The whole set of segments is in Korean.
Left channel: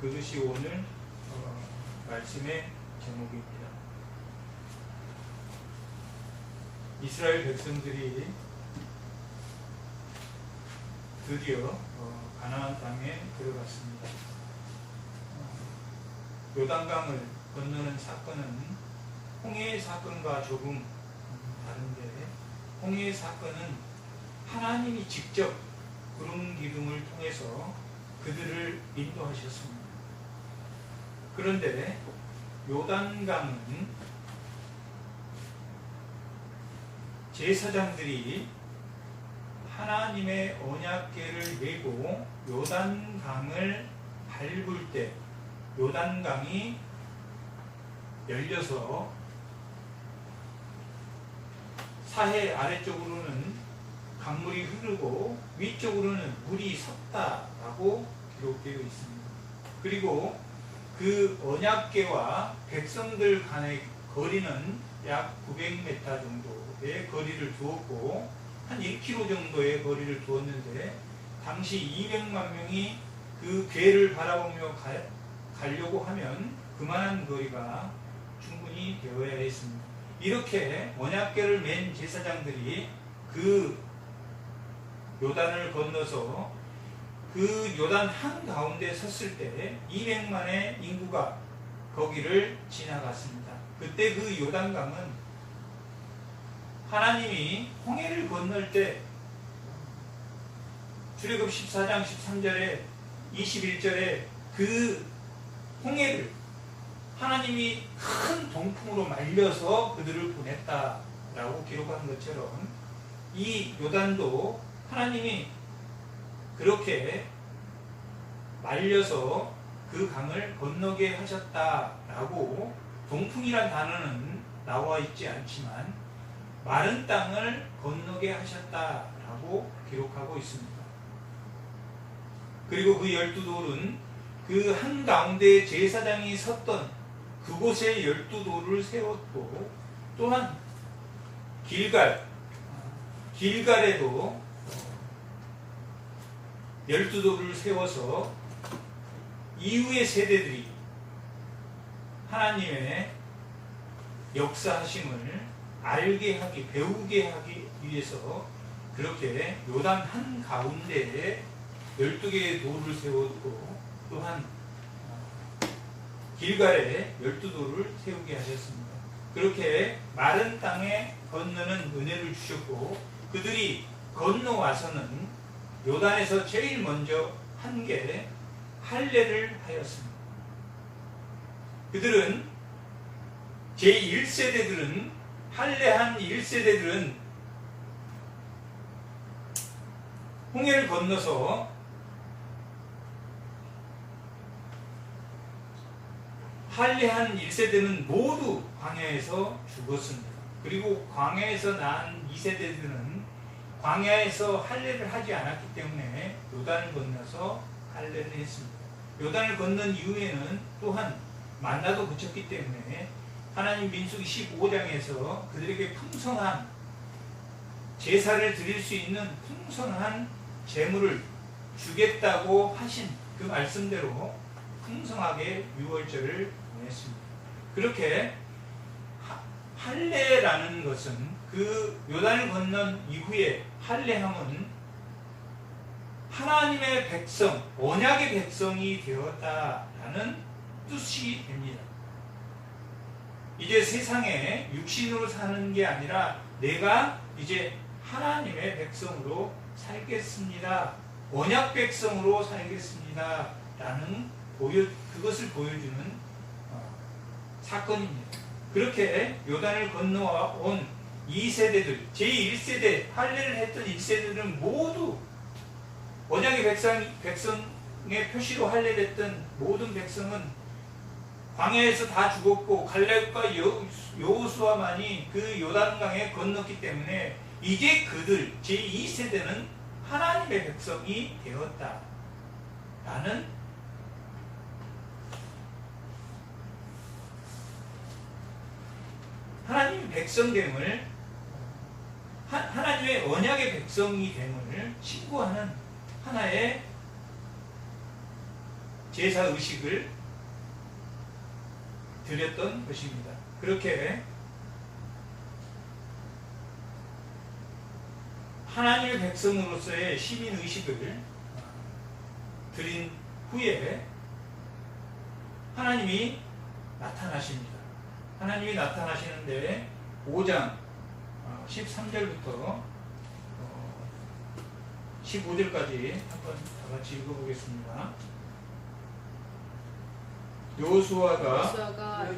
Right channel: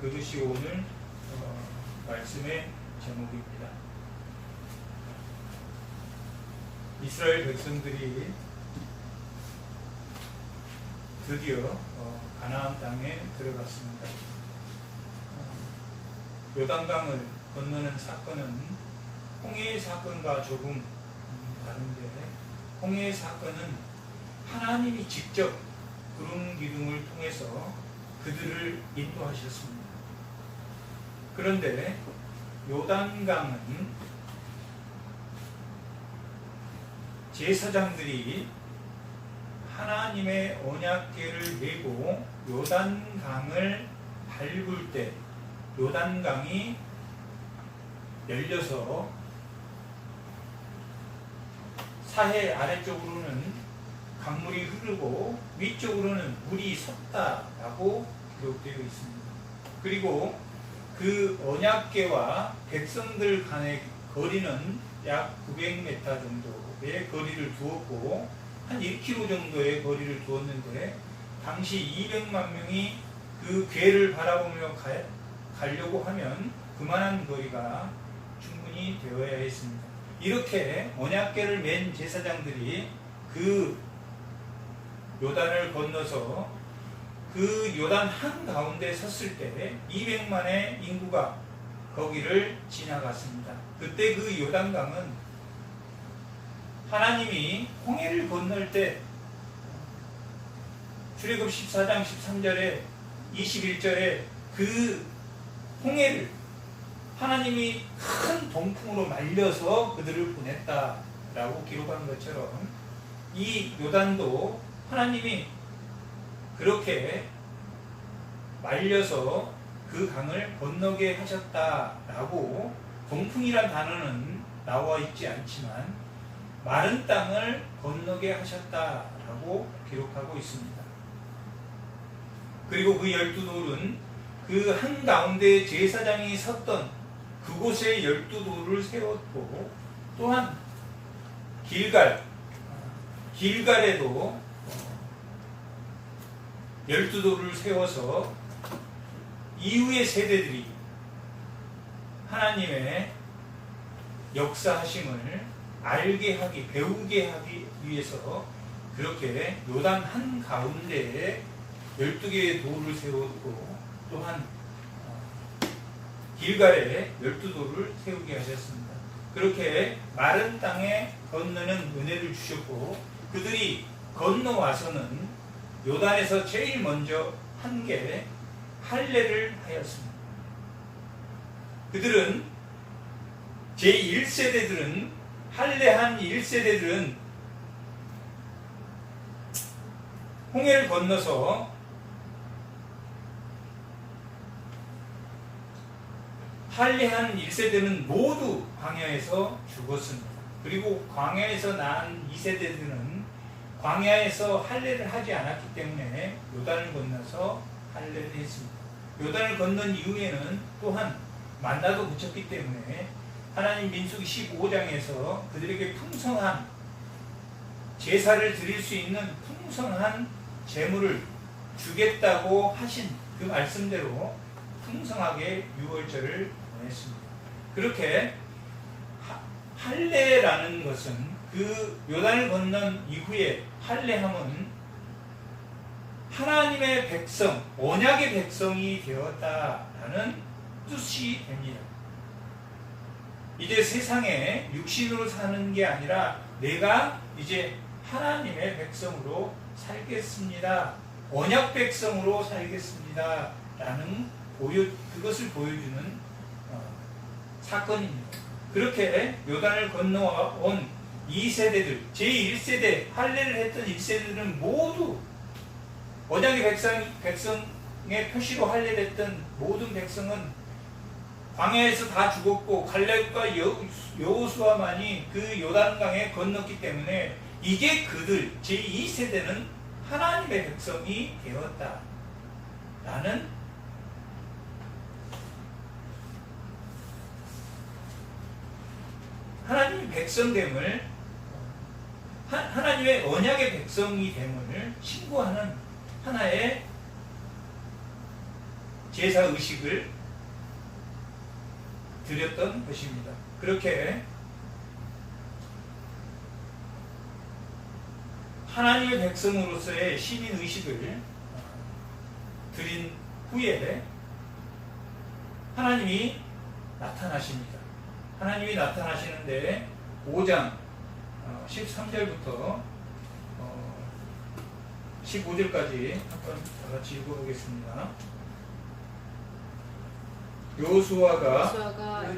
그것이 오늘 말씀의 제목입니다. 이스라엘 백성들이 드디어 가나안 땅에 들어갔습니다. 요단강을 건너는 사건은 홍해의 사건과 조금 다른데, 홍해의 사건은 하나님이 직접 구름 기둥을 통해서 그들을 인도하셨습니다. 그런데 요단강은 제사장들이 하나님의 언약궤를 메고 요단강을 밟을 때 요단강이 열려서 사해 아래쪽으로는 강물이 흐르고 위쪽으로는 물이 섰다라고 기록되어 있습니다. 그리고 그 언약궤와 백성들 간의 거리는 약 900m 정도의 거리를 두었고 한 1km 정도의 거리를 두었는데 당시 200만 명이 그 궤를 바라보며 가려고 하면 그만한 거리가 충분히 되어야 했습니다. 이렇게 언약궤를 맨 제사장들이 그 요단을 건너서 그 요단 한가운데 섰을 때 200만의 인구가 거기를 지나갔습니다. 그때 그 요단강은 하나님이 홍해를 건널 때 출애굽 14장 13절에 21절에 그 홍해를 하나님이 큰 동풍으로 말려서 그들을 보냈다라고 기록한 것처럼 이 요단도 하나님이 그렇게 말려서 그 강을 건너게 하셨다라고, 동풍이란 단어는 나와 있지 않지만 마른 땅을 건너게 하셨다라고 기록하고 있습니다. 그리고 그 12돌은 그 한가운데 제사장이 섰던 그곳에 12돌을 세웠고, 또한 길갈에도 12돌을 세워서 이후의 세대들이 하나님의 역사하심을 알게 하기, 배우게 하기 위해서 그렇게 요단 한가운데에 12개의 돌을 세웠고, 또한 길갈에 12돌을 세우게 하셨습니다. 그렇게 마른 땅에 건너는 은혜를 주셨고, 그들이 건너와서는 요단에서 제일 먼저 한 게 할례를 하였습니다. 그들은 제1세대들은 할례한 1세대들은 홍해를 건너서 할례한 1세대는 모두 광야에서 죽었습니다. 그리고 광야에서 낳은 2세대들은 광야에서 할례를 하지 않았기 때문에 요단을 건너서 할례를 했습니다. 요단을 건넌 이후에는 또한 만나도 그쳤기 때문에 하나님 민수기 15장에서 그들에게 풍성한 제사를 드릴 수 있는 풍성한 제물을 주겠다고 하신 그 말씀대로 풍성하게 유월절을 보냈습니다. 그렇게 할례라는 것은 그 요단을 건넌 이후에 할례함은 하나님의 백성, 언약의 백성이 되었다라는 뜻이 됩니다. 이제 세상에 육신으로 사는 게 아니라 내가 이제 하나님의 백성으로 살겠습니다. 언약 백성으로 살겠습니다. 라는 그것을 보여주는 사건입니다. 그렇게 요단을 건너온 2세대들, 제1세대, 할례를 했던 1세대들은 모두 언약의 백성의 표시로 할례를 했던 모든 백성은 광야에서 다 죽었고 갈렙과 여호수아만이 그 요단강에 건넜기 때문에 이제 그들 제2세대는 하나님의 백성이 되었다라는 하나님의 백성됨을, 하나님의 언약의 백성이 됨을 신고하는 하나의 제사 의식을 드렸던 것입니다. 그렇게 하나님의 백성으로서의 시민 의식을 드린 후에 하나님이 나타나십니다. 하나님이 나타나시는데 5장 13절부터 15절까지 한번 다 같이 읽어보겠습니다. 여호수아가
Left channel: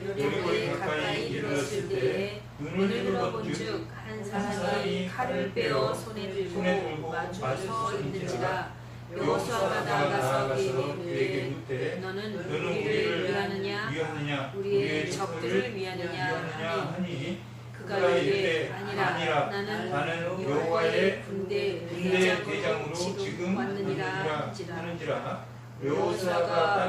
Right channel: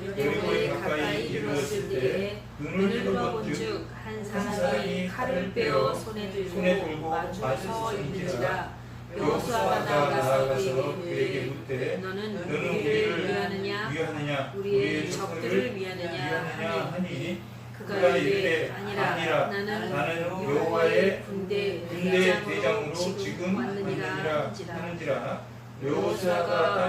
여리고에 가까이 이르렀을 때 눈을 들어본즉 한 사람이 칼을 빼어 손에 들고 맞서 있는지라. 여호수아가 나아가서 그에게 묻되 너는 우리를 위하느냐 우리의 적들을 위하느냐 하니 그가 이르되 아니라 나는 여호와의 군대 대장으로 지금 왔느니라 하는지라. 여호수아가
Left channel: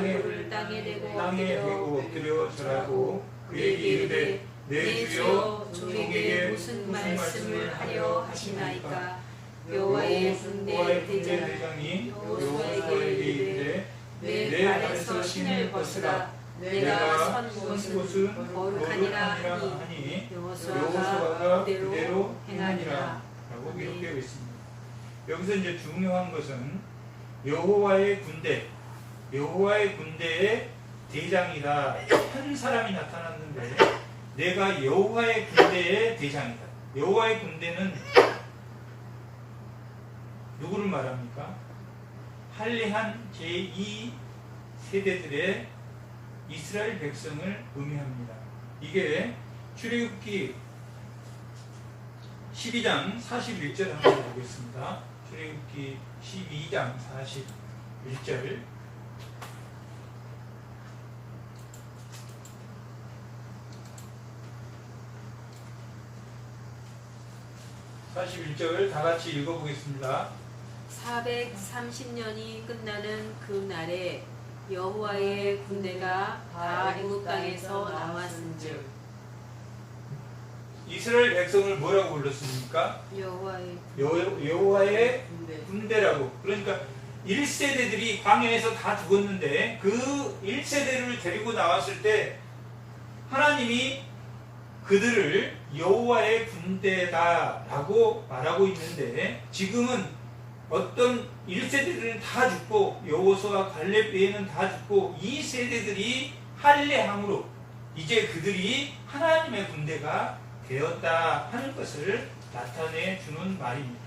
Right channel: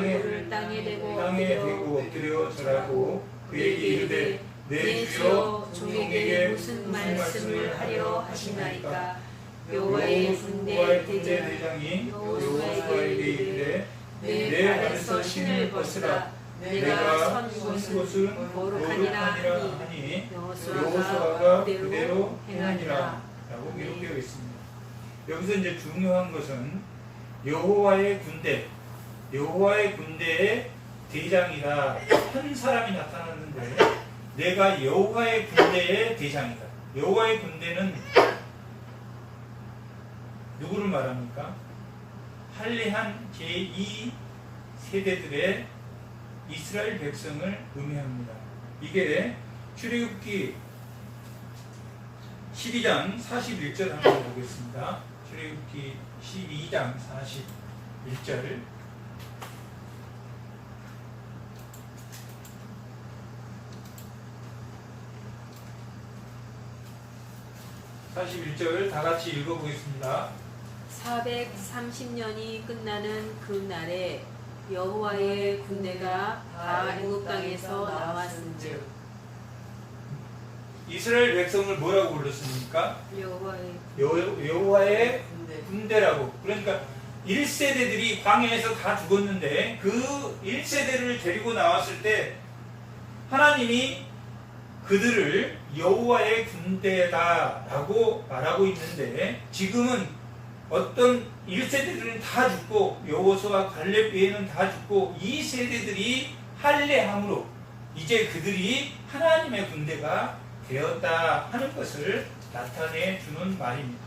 땅에 대고 엎드려 절하고 그에게 이르되 내 주여 종에게 무슨 말씀을 하려 하시나이까. 여호와의 군대 대장이 여호수아에게 이르되 내 발에서 신을 벗으라. 내가 선 곳은 거룩하니라 하니 여호수아가 그대로 행하니라 라고 기록되어 있습니다. 여기서 이제 중요한 것은 여호와의 군대의 대장이다. 한 사람이 나타났는데 내가 여호와의 군대의 대장이다. 여호와의 군대는 누구를 말합니까? 할례한 제2 세대들의 이스라엘 백성을 의미합니다. 이게 출애굽기 12장 41절 한번 보겠습니다. 출애굽기 12장 41절 41절 다 같이 읽어보겠습니다. 430년이 끝나는 그 날에 여호와의 군대가 다 애굽 땅에서 나왔은즉. 이스라엘 백성을 뭐라고 불렀습니까? 여호와의 군대라고. 그러니까 1세대들이 광야에서 다 죽었는데 그 1세대를 데리고 나왔을 때 하나님이 그들을 여호와의 군대다라고 말하고 있는데, 지금은 어떤 1세대들은 다 죽고 여호수아 갈렙 외에는 다 죽고 2세대들이 할례함으로 이제 그들이 하나님의 군대가 되었다 하는 것을 나타내 주는 말입니다.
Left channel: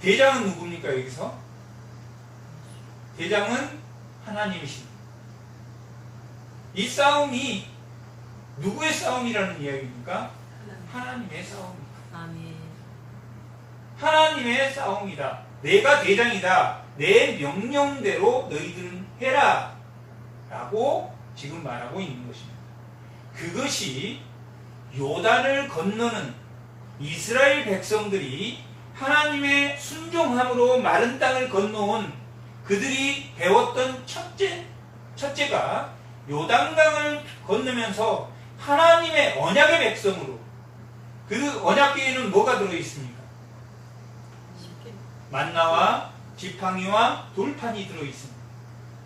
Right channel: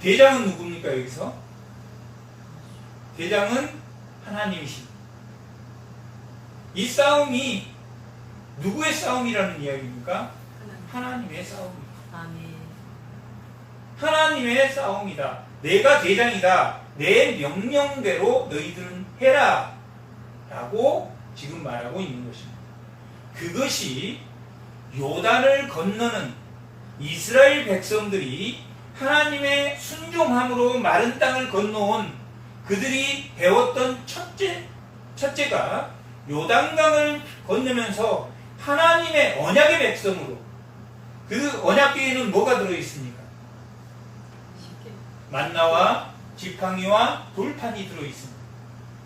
대장은 누굽니까? 여기서 대장은 하나님이십니다. 이 싸움이 누구의 싸움이라는 이야기입니까? 하나님의 싸움입니다. 하나님의 싸움이다. 내가 대장이다. 내 명령대로 너희들은 해라 라고 지금 말하고 있는 것입니다. 그것이 요단을 건너는 이스라엘 백성들이 하나님의 순종함으로 마른 땅을 건너온 그들이 배웠던 첫째가 요단강을 건너면서 하나님의 언약의 백성으로, 그 언약궤에는 뭐가 들어있습니까? 만나와 지팡이와 돌판이 들어있습니다.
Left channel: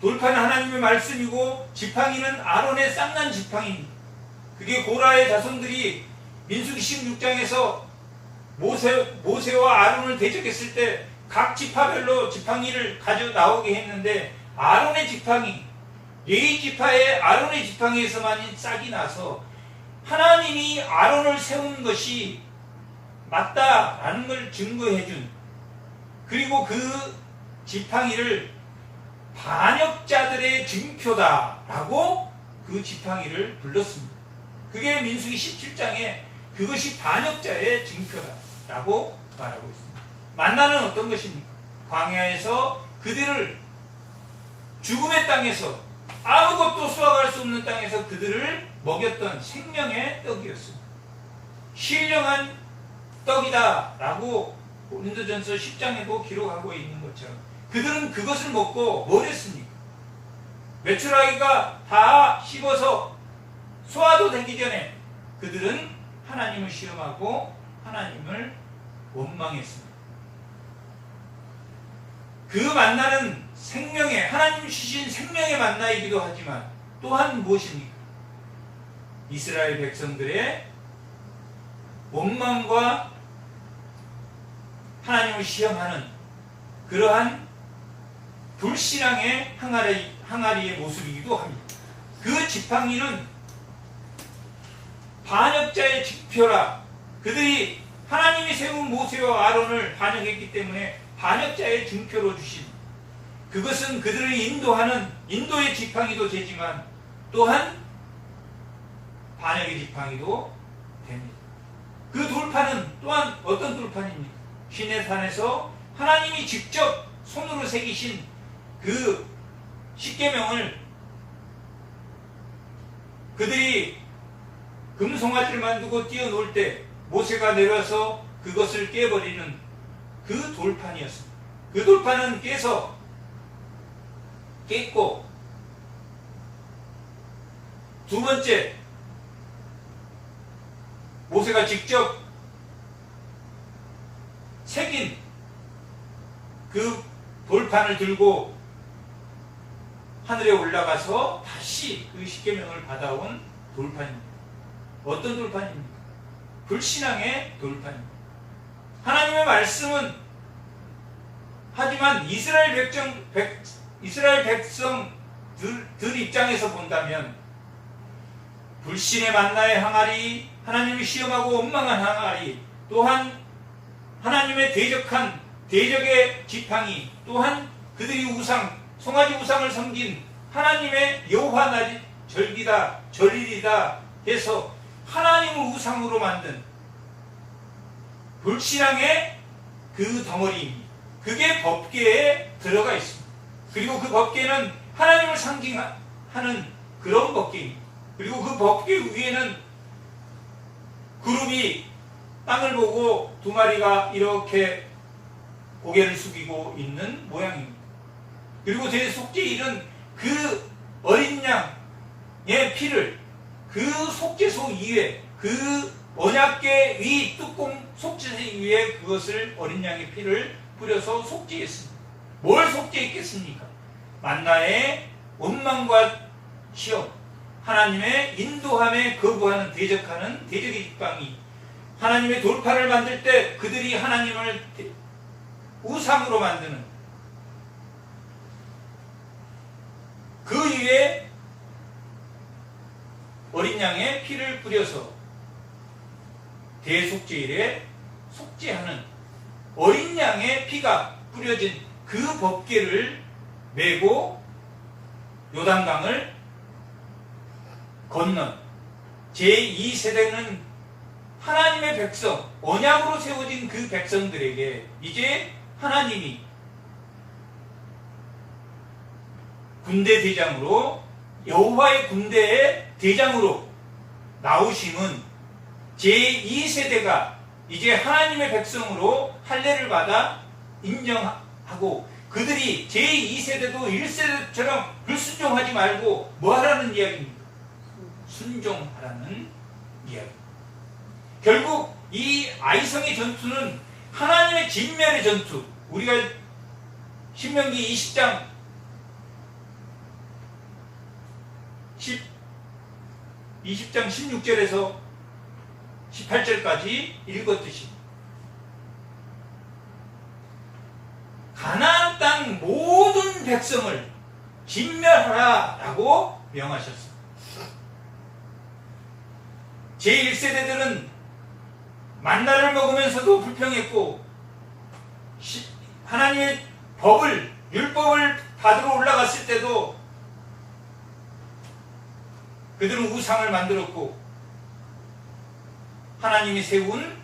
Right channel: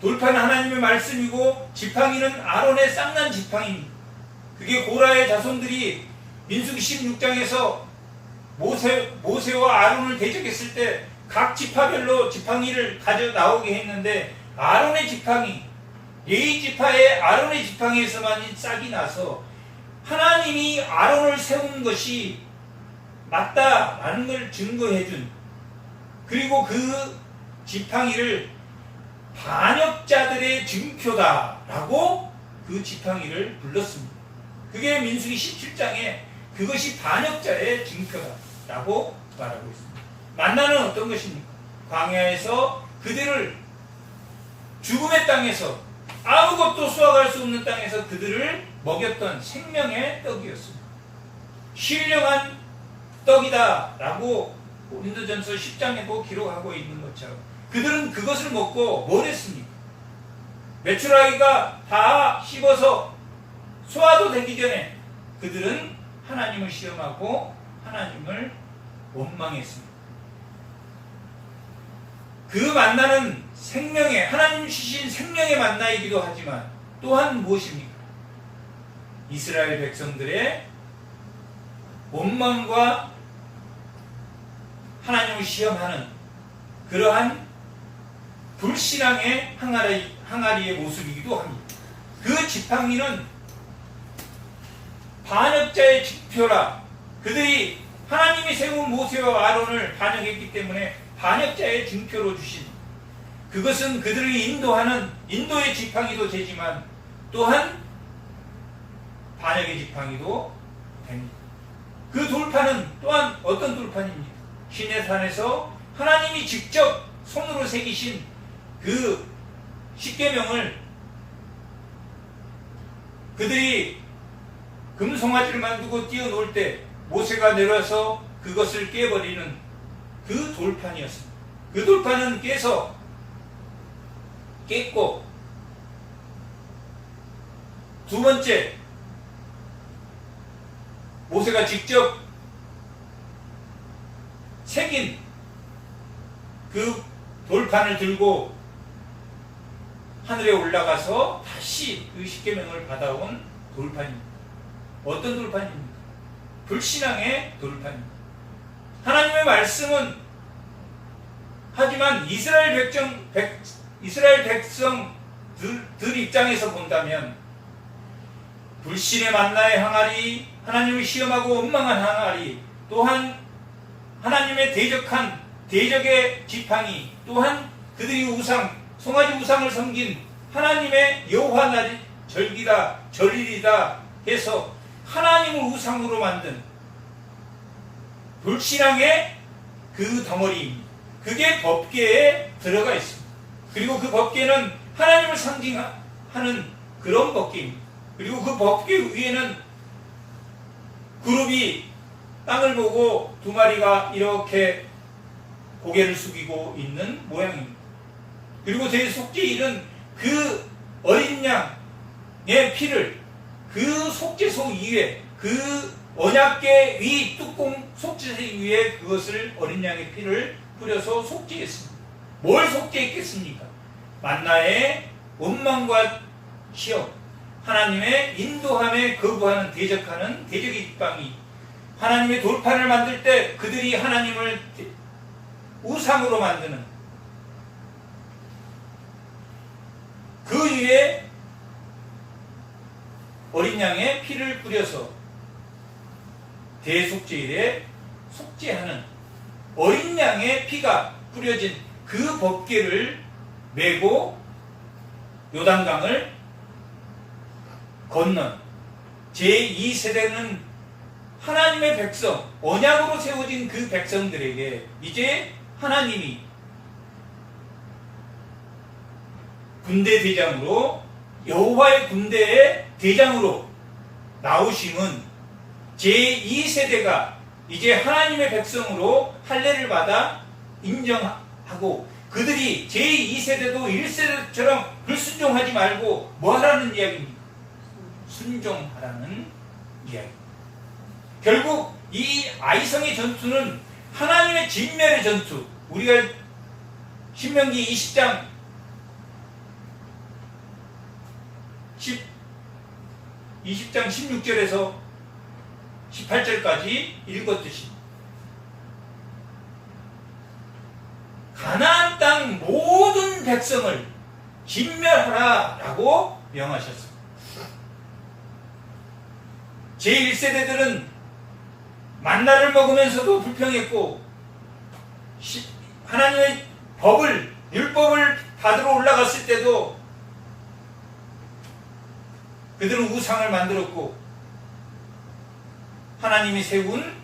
돌판은 하나님의 말씀이고 지팡이는 아론의 쌍난 지팡이입니다. 그게 고라의 자손들이 민수기 16장에서 모세와 아론을 대적했을 때 각 지파별로 지팡이를 가져 나오게 했는데, 아론의 지팡이, 레위 지파의 아론의 지팡이에서만 싹이 나서 하나님이 아론을 세운 것이 맞다라는 걸 증거해준, 그리고 그 지팡이를 반역자들의 증표다라고 그 지팡이를 불렀습니다. 그게 민수기 17장에 그것이 반역자의 증표다라고 말하고 있습니다. 만나는 어떤 것입니까? 광야에서 그들을 죽음의 땅에서, 아무것도 수확할 수 없는 땅에서 그들을 먹였던 생명의 떡이었습니다. 신령한 떡이다 라고 고린도전서 10장에도 기록하고 있는 것처럼 그들은 그것을 먹고 뭘 했습니까? 메추라기가 다 씹어서 소화도 되기 전에 그들은 하나님을 시험하고 하나님을 원망했습니다. 그 만나는 생명의, 하나님 주신 생명의 만나이기도 하지만 또한 무엇입니까? 이스라엘 백성들의 원망과 하나님을 시험하는 그러한 불신앙의 항아리의 모습이기도 합니다. 그 지팡이는 반역자의 지표라. 그들이 하나님이 세운 모세와 아론을 반역했기 때문에 반역자의 증표로 주신, 그것은 그들을 인도하는 인도의 지팡이도 되지만 또한 반역의 지팡이도 됩니다. 그 돌판은 또한 어떤 돌판입니까? 시내산에서 하나님이 직접 손으로 새기신 그 십계명을 그들이 금송아지를 만들고 뛰어놀 때 모세가 내려와서 그것을 깨버리는 그 돌판이었습니다. 그 돌판은 깼고, 두 번째, 모세가 직접 새긴 그 돌판을 들고 하늘에 올라가서 다시 그 십계명을 받아온 돌판입니다. 어떤 돌판입니까? 불신앙의 돌판입니다. 하나님의 말씀은 하지만 이스라엘 백성들 입장에서 본다면 불신의 만나의 항아리, 하나님을 시험하고 원망한 항아리, 또한 하나님의 대적의 지팡이, 또한 그들이 송아지 우상을 섬긴 하나님의 여호와 날이 절기다, 절일이다 해서 하나님을 우상으로 만든 불신앙의 그 덩어리입니다. 그게 법궤에 들어가 있습니다. 그리고 그 법궤는 하나님을 상징하는 그런 법궤입니다. 그리고 그 법궤 위에는 그룹이 땅을 보고 두 마리가 이렇게 고개를 숙이고 있는 모양입니다. 그리고 대속죄일은 그 어린 양의 피를 그 속죄소 위에, 그 언약궤 위 뚜껑 속죄소 위에 그것을 어린 양의 피를 뿌려서 속죄했습니다. 뭘 속죄했겠습니까? 만나의 원망과 시험, 하나님의 인도함에 거부하는 대적하는 대적의 지팡이, 하나님의 돌판을 만들 때 그들이 하나님을 우상으로 만드는 그 위에 어린 양의 피를 뿌려서 대속죄일에 속죄하는 어린 양의 피가 뿌려진 그 법궤를 메고 요단강을 건넌 제2세대는 하나님의 백성, 언약으로 세워진 그 백성들에게 이제 하나님이 군대 대장으로, 여호와의 군대의 대장으로 나오심은 제2세대가 이제 하나님의 백성으로 할례를 받아 인정하고, 그들이 제2세대도 1세대처럼 불순종하지 말고 뭐 하라는 이야기입니까? 순종하라는 이야기입니다. 결국 이 아이성의 전투는 하나님의 진멸의 전투, 우리가 신명기 20장 16절에서 18절까지 읽었듯이 가나안 땅 모든 백성을 진멸하라라고 명하셨습니다. 제1세대들은 만나를 먹으면서도 불평했고 하나님의 율법을 받으러 올라갔을 때도 그들은 우상을 만들었고, 하나님이 세운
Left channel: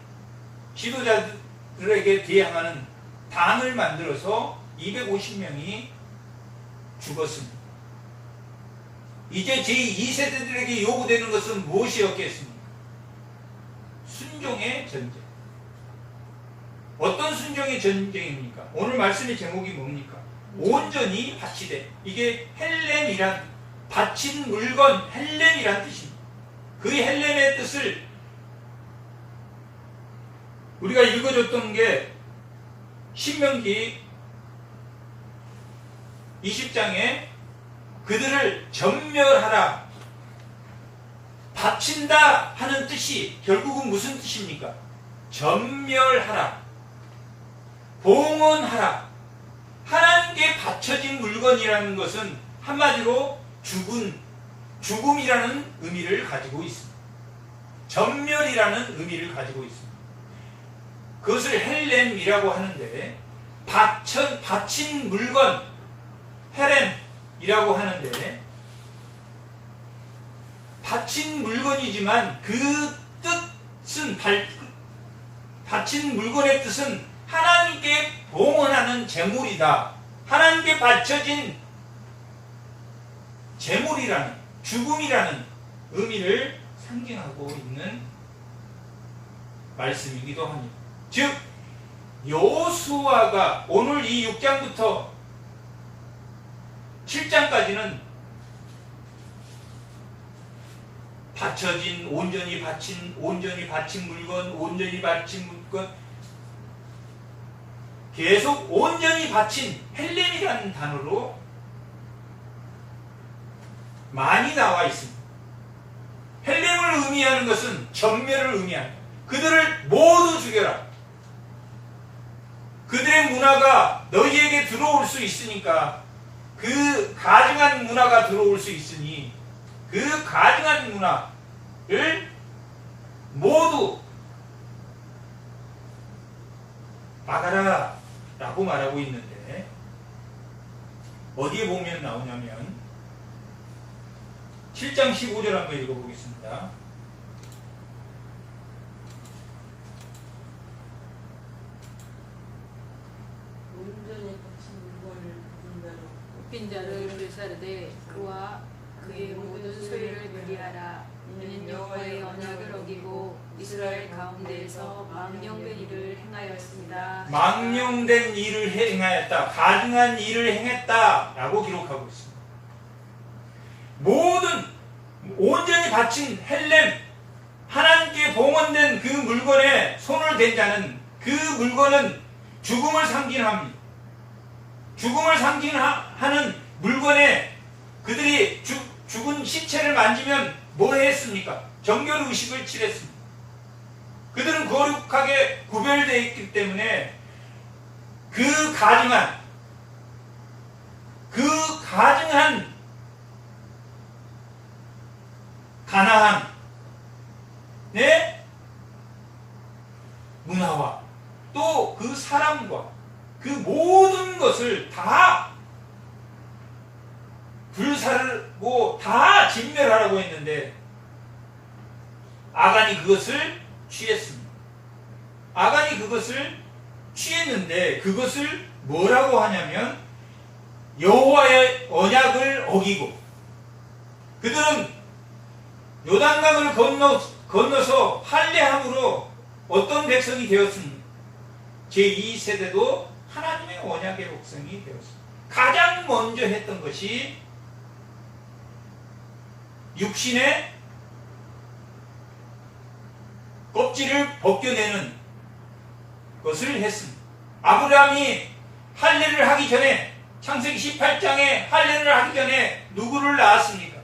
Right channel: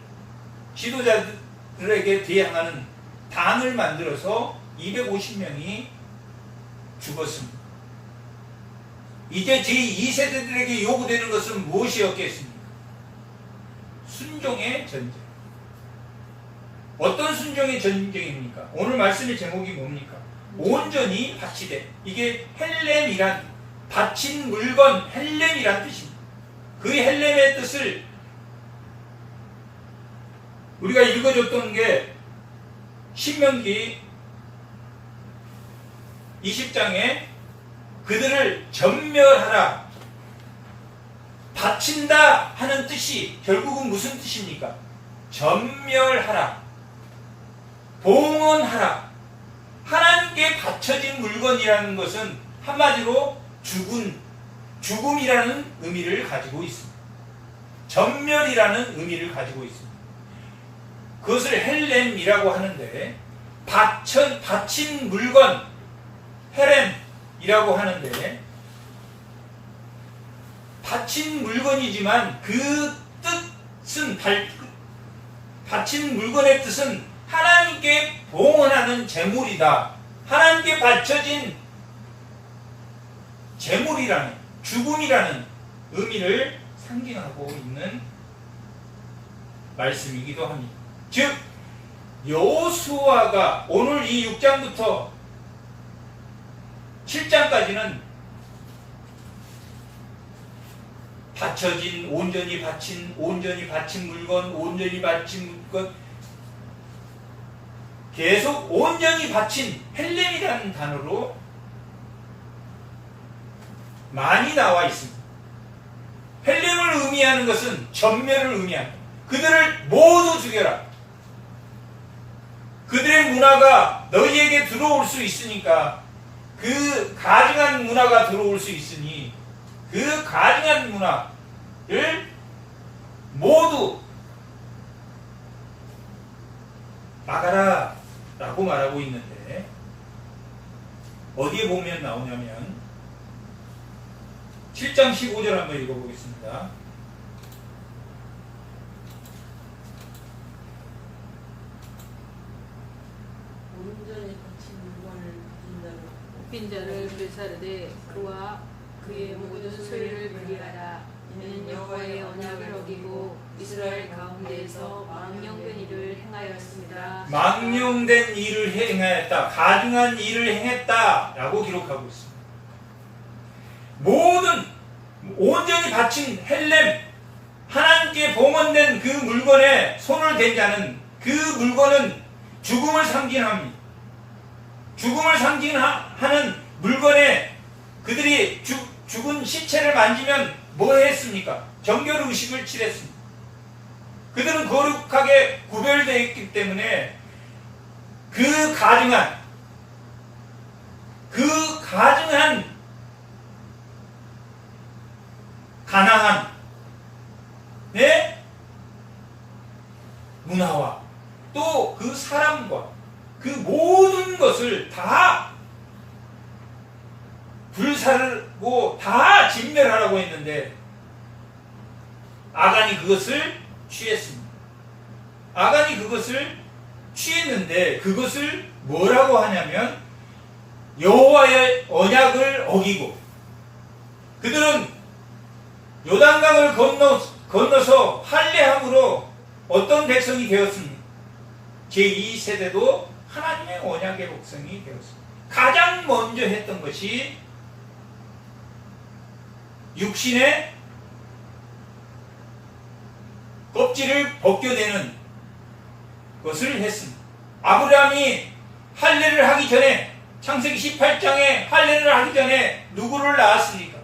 지도자들에게 대항하는 당을 만들어서 250명이 죽었습니다. 이제 제2세대들에게 요구되는 것은 무엇이었겠습니까? 순종의 전쟁. 어떤 순종의 전쟁입니까? 오늘 말씀의 제목이 뭡니까? 온전히 바치되. 이게 헬렘이란, 바친 물건, 헬렘이란 뜻입니다. 그 헬렘의 뜻을 우리가 읽어줬던 게 신명기 20장에 그들을 전멸하라, 바친다 하는 뜻이 결국은 무슨 뜻입니까? 전멸하라, 봉헌하라. 하나님께 바쳐진 물건이라는 것은 한마디로 죽음이라는 의미를 가지고 있습니다. 전멸이라는 의미를 가지고 있습니다. 그것을 헬렘이라고 하는데, 바친 물건, 헤렘이라고 하는데, 바친 물건이지만 그 뜻은, 바친 물건의 뜻은 하나님께 봉헌하는 제물이다. 하나님께 바쳐진 제물이라는, 죽음이라는 의미를 상징하고 있는 말씀이기도 합니다. 즉 여호수아가 오늘 이 6장부터 7장까지는 바쳐진, 온전히 바친 물건, 계속 온전히 바친 헬렘이라는 단어로 많이 나와 있습니다. 헬렘을 의미하는 것은 전멸을 의미합니다. 그들을 모두 죽여라. 그들의 문화가 너희에게 들어올 수 있으니까, 그 가증한 문화가 들어올 수 있으니 그 가증한 문화를 모두 막아라 라고 말하고 있는데, 어디에 보면 나오냐면 7장 15절 한번 읽어보겠습니다. 온전히 바친 물건을 뽑힌 자를 불사르되 그와 그의 모든 소유를 그리하라. 이는 여호와의 언약을 어기고 이스라엘 가운데에서 망령된 일을 행하였습니다. 망령된 일을 행하였다, 가증한 일을 행했다 라고 기록하고 있습니다. 모든 온전히 바친 헬렘, 하나님께 봉헌된 그 물건에 손을 댄 자는, 그 물건은 죽음을 상징합니다. 죽음을 상징하는 물건에 그들이 죽은 시체를 만지면 뭐 했습니까? 정결의식을 취했습니다. 그들은 거룩하게 구별되어 있기 때문에 그 가증한 가나안 의 문화와 또 그 사람과 그 모든 것을 다 불살고 다 진멸하라고 했는데, 아간이 그것을 취했습니다. 아간이 그것을 취했는데, 그것을 뭐라고 하냐면 여호와의 언약을 어기고, 그들은 요단강을 건너서 할례함으로 어떤 백성이 되었습니까? 제2세대도 하나님의 언약의 백성이 되었습니다. 가장 먼저 했던 것이 육신의 껍질을 벗겨내는 것을 했습니다. 아브라함이 할례를 하기 전에, 창세기 18장에 할례를 하기 전에 누구를 낳았습니까?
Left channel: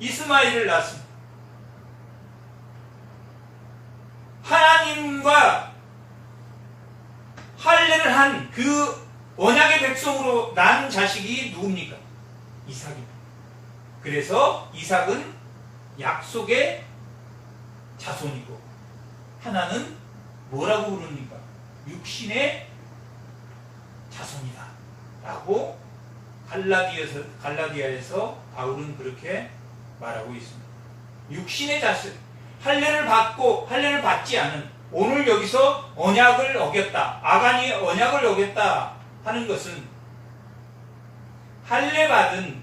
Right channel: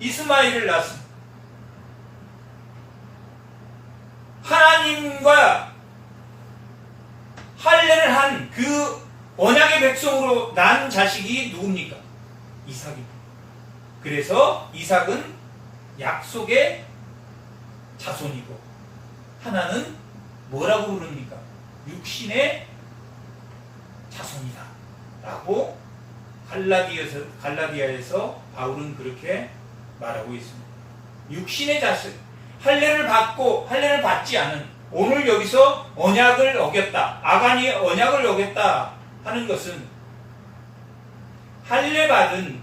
이스마엘을 낳았습니다. 하나님과 할례를 한 그 언약의 백성으로 난 자식이 누굽니까? 이삭입니다. 그래서 이삭은 약속의 자손이고, 하나는 뭐라고 부릅니까? 육신의 자손이다 라고 갈라디아에서 바울은 그렇게 말하고 있습니다. 육신의 자손, 할례를 받고 할례를 받지 않은, 오늘 여기서 언약을 어겼다, 아간이 언약을 어겼다 하는 것은 할례 받은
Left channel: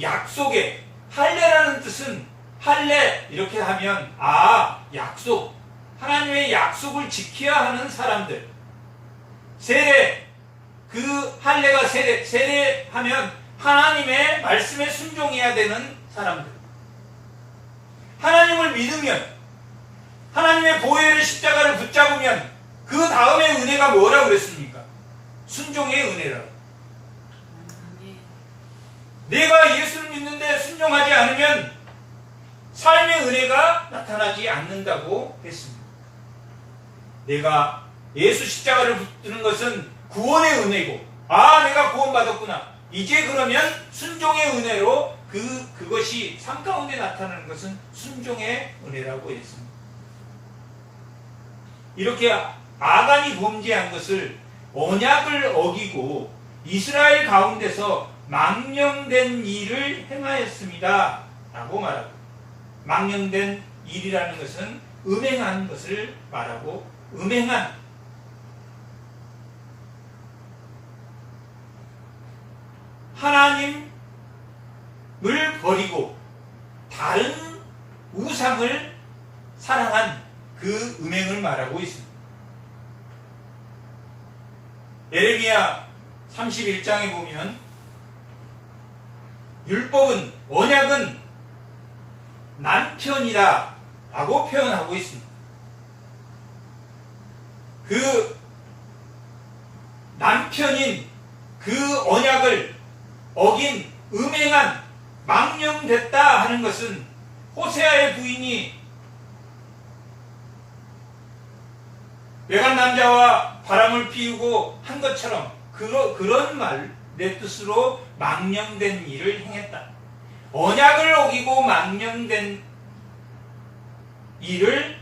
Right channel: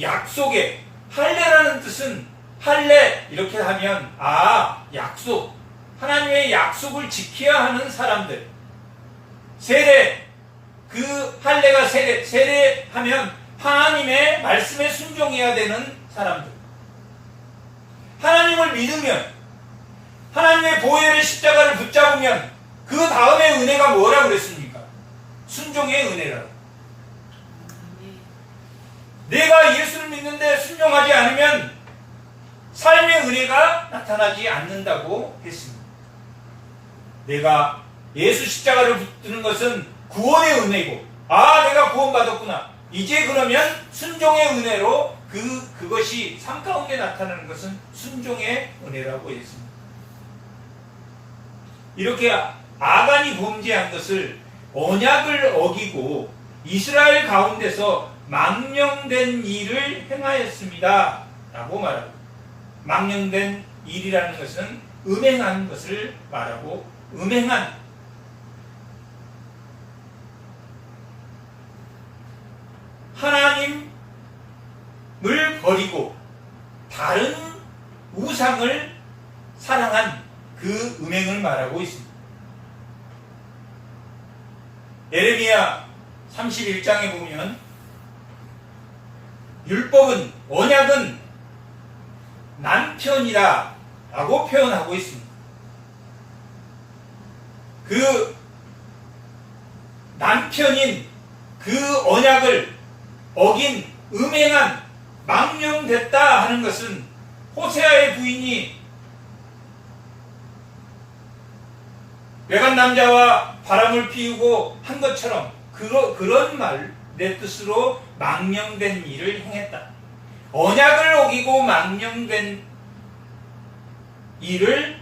약속의, 할례라는 뜻은, 할례 이렇게 하면 약속, 하나님의 약속을 지켜야 하는 사람들, 세례, 그 할례가 세례하면 하나님의 말씀에 순종해야 되는 사람들, 하나님을 믿으면, 하나님의 보혈의 십자가를 붙잡으면 그 다음에 은혜가 뭐라고 그랬습니까? 순종의 은혜라고. 내가 예수를 믿는데 순종하지 않으면 삶의 은혜가 나타나지 않는다고 했습니다. 내가 예수 십자가를 붙드는 것은 구원의 은혜고, 내가 구원받았구나. 이제 그러면 순종의 은혜로 그것이 삶 가운데 나타나는 것은 순종의 은혜라고 했습니다. 이렇게 아간이 범죄한 것을 언약을 어기고 이스라엘 가운데서 망령된 일을 행하였습니다 라고 말하고, 망령된 일이라는 것은 음행한 것을 말하고, 음행한 하나님을 버리고 다른 우상을 사랑한 그 음행을 말하고 있습니다. 예레미야 31장에 보면 율법은, 언약은 남편이다 라고 표현하고 있습니다. 그 남편인 그 언약을 어긴 음행한 망령됐다 하는 것은 호세아의 부인이 외간 남자와 바람을 피우고 한 것처럼 그런 말, 내 뜻으로 망령된 일을 행했다. 언약을 어기고 망령된 일을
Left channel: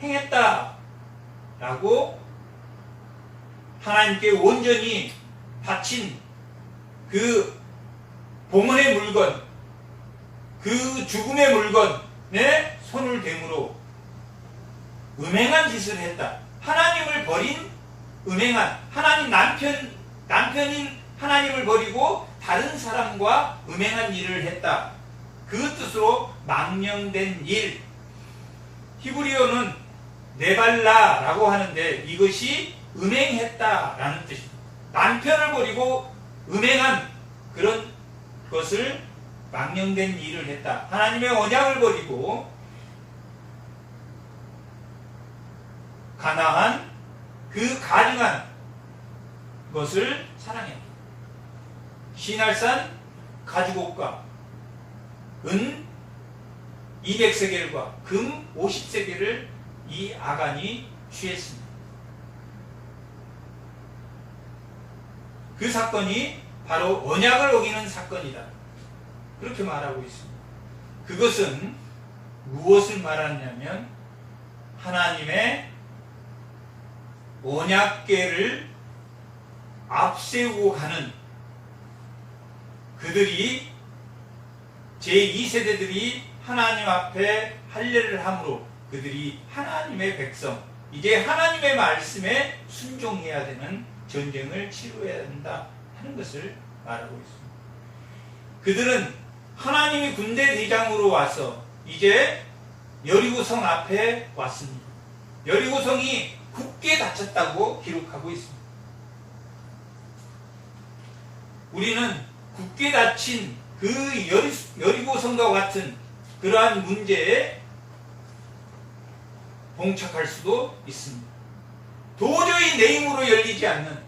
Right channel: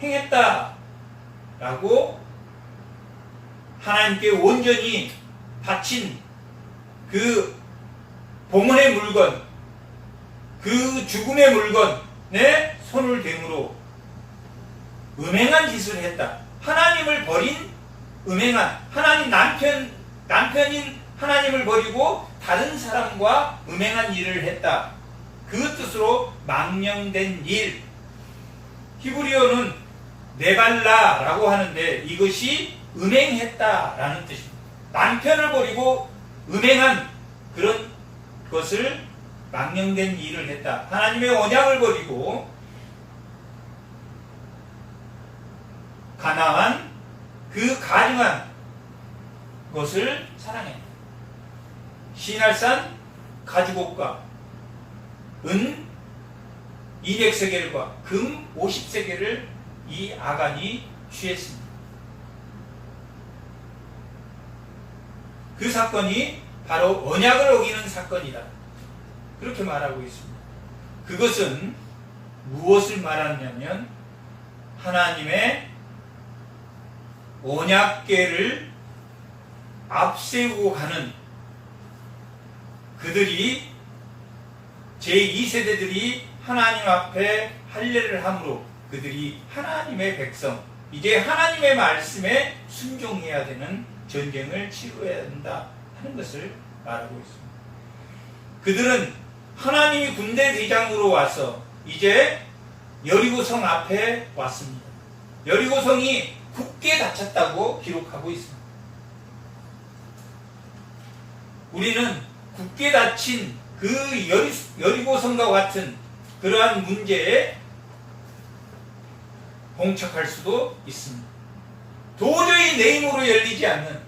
행했다 라고 하나님께 온전히 바친 그 봉헌의 물건, 그 죽음의 물건에 손을 대므로 음행한 짓을 했다. 하나님을 버린 음행한, 하나님 남편인 하나님을 버리고 다른 사람과 음행한 일을 했다. 그 뜻으로 망령된 일. 히브리어는 네발라라고 하는데 이것이 음행했다라는 뜻입니다. 남편을 버리고 음행한 그런 것을 망령된 일을 했다. 하나님의 언약을 버리고 가나안 그 가증한 것을 사랑했다. 시날산 가죽옷과 은 200세겔과 금 50세겔을 이 아간이 취했습니다. 그 사건이 바로 언약을 어기는 사건이다. 그렇게 말하고 있습니다. 그것은 무엇을 말하냐면 하나님의 언약궤를 앞세우고 가는 그들이 제2세대들이 하나님 앞에 할례를 함으로 그들이 하나님의 백성, 이제 하나님의 말씀에 순종해야 되는 전쟁을 치러야 한다 하는 것을 말하고 있습니다. 그들은 하나님이 군대 대장으로 와서 이제 여리고성 앞에 왔습니다. 여리고성이 굳게 닫혔다고 기록하고 있습니다. 우리는 굳게 닫힌 그 여리고성과 같은 그러한 문제에 봉착할 수도 있습니다. 도저히 내 힘으로 열리지 않는,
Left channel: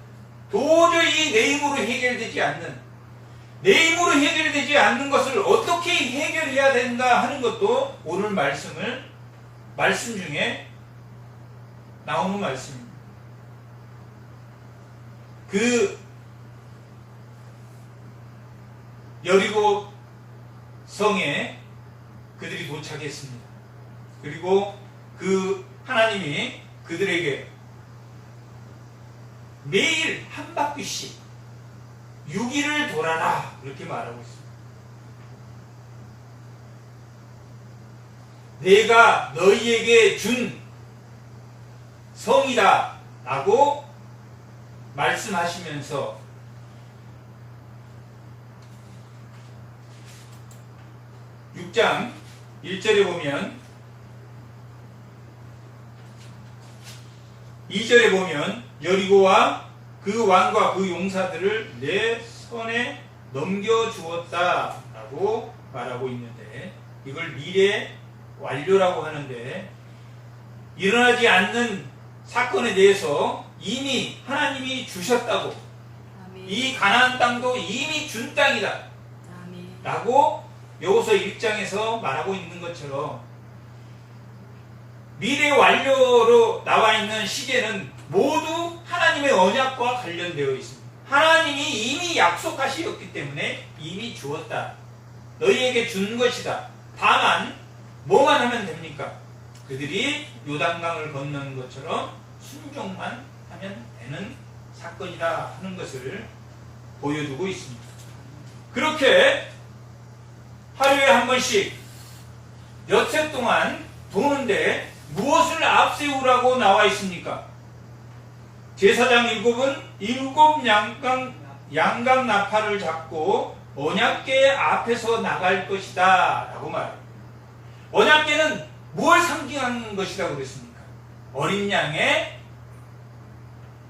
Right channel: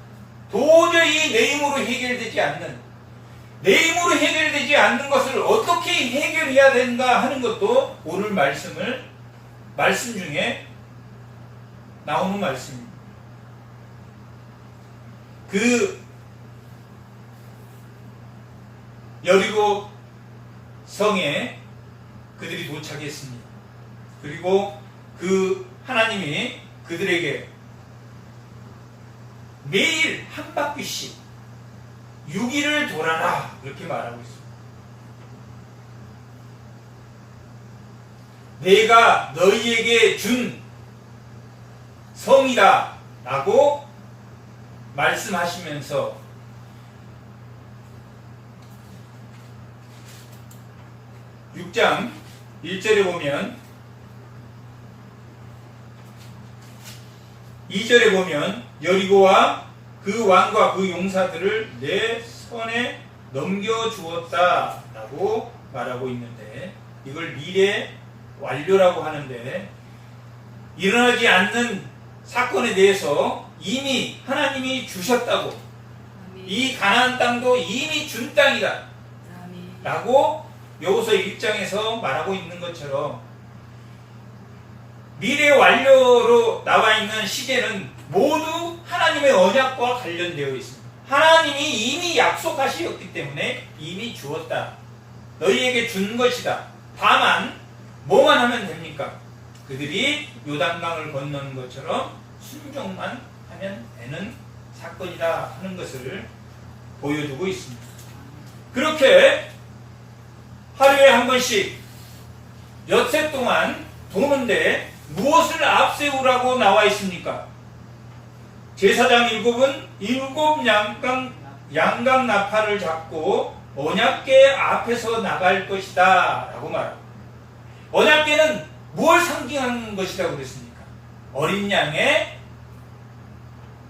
도저히 내 힘으로 해결되지 않는, 내 힘으로 해결되지 않는 것을 어떻게 해결해야 된다 하는 것도 오늘 말씀 중에 나오는 말씀입니다. 그 여리고 성에 그들이 도착했습니다. 그리고 그 하나님이 그들에게 매일 한 바퀴씩 6일을 돌아라 그렇게 말하고 있습니다. 내가 너희에게 준 성이다 라고 말씀하시면서 6장 1절에 보면 2절에 보면 여리고와 그 왕과 그 용사들을 내 손에 넘겨주었다 라고 말하고 있는데, 이걸 미래 완료라고 하는데 일어나지 않는 사건에 대해서 이미 하나님이 주셨다고, 아멘. 이 가나안 땅도 이미 준 땅이다. 아멘. 라고 여호수아 1장에서 말하고 있는 것처럼 미래 완료로 나와 있는 시제는 모두 하나님의 언약과 관련되어 있습니다. 하나님이 이미 약속하셨기 때문에 이미 주었다. 너희에게 준 것이다. 다만 뭐만 하면 됩니까? 그들이 요단강을 건너는 것처럼 순종만 하면 되는 사건이다 하는 것을 보여주고 있습니다. 그렇게 하루에 한 번씩 엿새 동안 도는데 무엇을 앞세우라고 나와 있습니까? 제사장 7은 7 양강 나팔을 잡고 언약궤 앞에서 나갈 것이다 라고 말합니다. 언약궤는 무엇을 상징하는 것이라고 그랬습니까? 어린 양의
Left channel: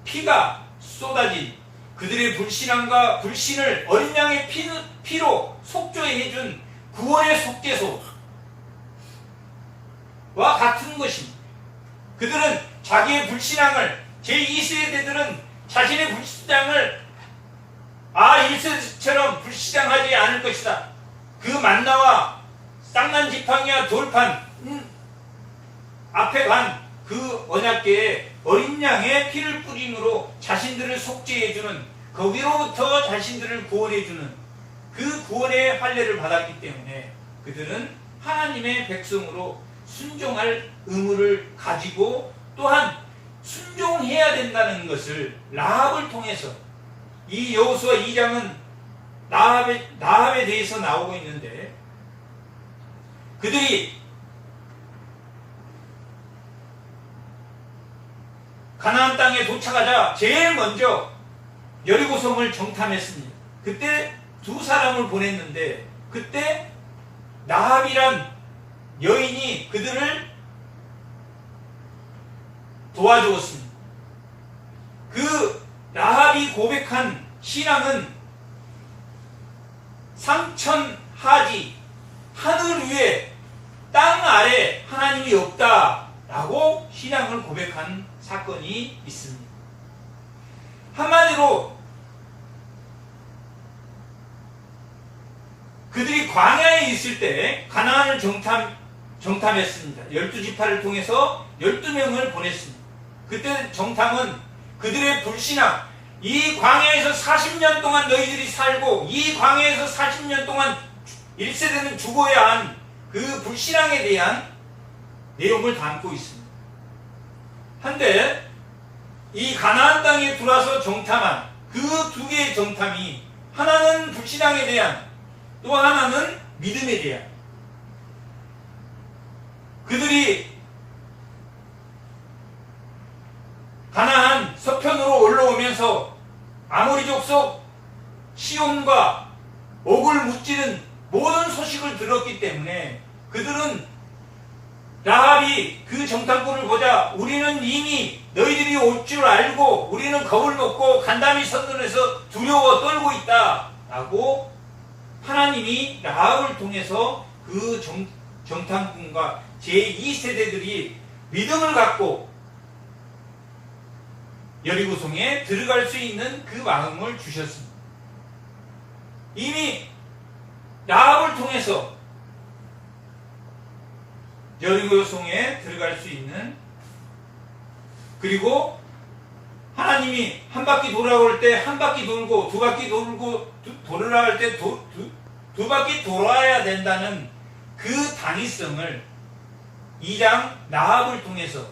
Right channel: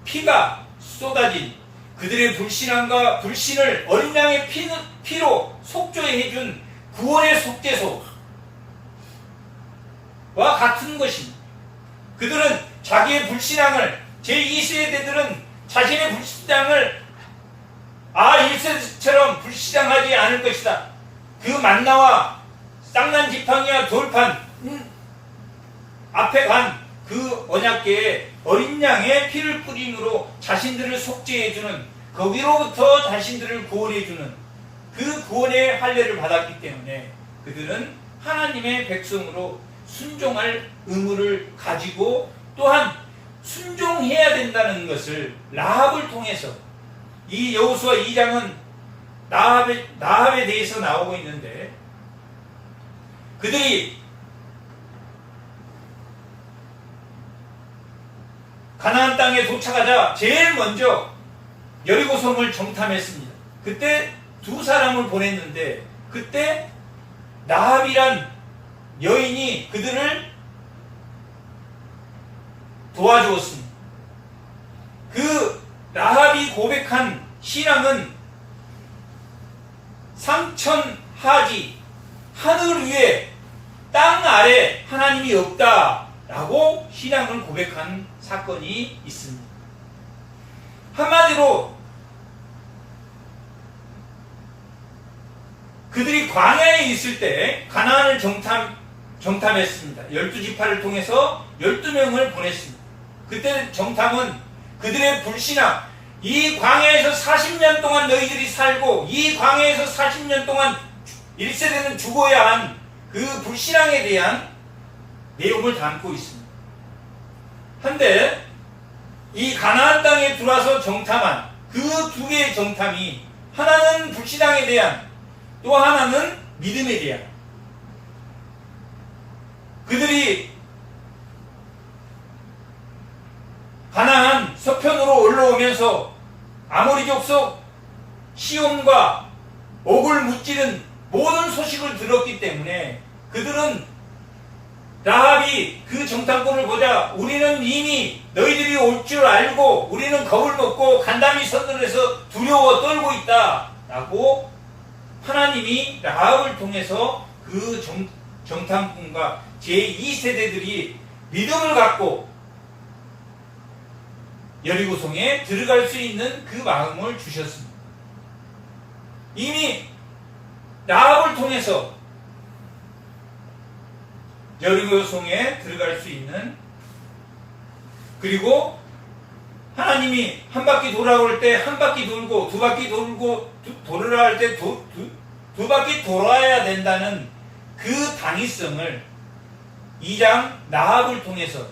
피가 쏟아진 그들의 불신함과 불신을 어린 양의 피로 속죄해준 구원의 속죄소와 같은 것입니다. 그들은 자기의 불신앙을 제2세대들은 자신의 불신앙을 1세대처럼 불신앙하지 않을 것이다. 그 만나와 쌍난 지팡이와 돌판 앞에 간 그 언약궤에 어린 양의 피를 뿌림으로 자신들을 속죄해주는 거기로부터 자신들을 구원해주는 그 구원의 할례를 받았기 때문에 그들은 하나님의 백성으로 순종할 의무를 가지고 또한 순종해야 된다는 것을 라합을 통해서 이 여호수아 2장은 라합에 대해서 나오고 있는데 그들이 가나안 땅에 도착하자 제일 먼저 여리고성을 정탐했습니다. 그때 2사람을 보냈는데 그때 라합이란 여인이 그들을 도와주었습니다. 그 라합이 고백한 신앙은 상천하지 하늘 위에 땅 아래 하나님이 없다라고 신앙을 고백한 사건이 있습니다. 한마디로 그들이 광야에 있을 때 가나안을 정탐했습니다. 12지파를 통해서 12명을 보냈습니다. 그때 정탐은 그들의 불신앙, 이 광야에서 40년 동안 너희들이 살고 이 광야에서 40년 동안 1세대는 죽어야 한 그 불신앙에 대한 내용을 담고 있습니다. 한데 이 가나안 땅에 들어와서 정탐한 그 2개의 정탐이 하나는 불신앙에 대한 또 하나는 믿음에 대한 그들이 가나안 서편으로 올라오면서 아모리 족속 시온과 옥을 무찌른 모든 소식을 들었기 때문에 그들은 라합이 그 정탐꾼을 보자 우리는 이미 너희들이 올 줄 알고 우리는 겁을 먹고 간담이 서늘해서 두려워 떨고 있다 라고 하나님이 라합을 통해서 그 정탐꾼과 제2세대들이 믿음을 갖고 여리고성에 들어갈 수 있는 그 마음을 주셨습니다. 이미 라합을 통해서 여리고성에 들어갈 수 있는 그리고 하나님이 한 바퀴 돌아올 때 한 바퀴 돌고 두 바퀴 돌고 돌으라 할 때 두 바퀴 돌아야 된다는 그 당위성을 2장 라합을 통해서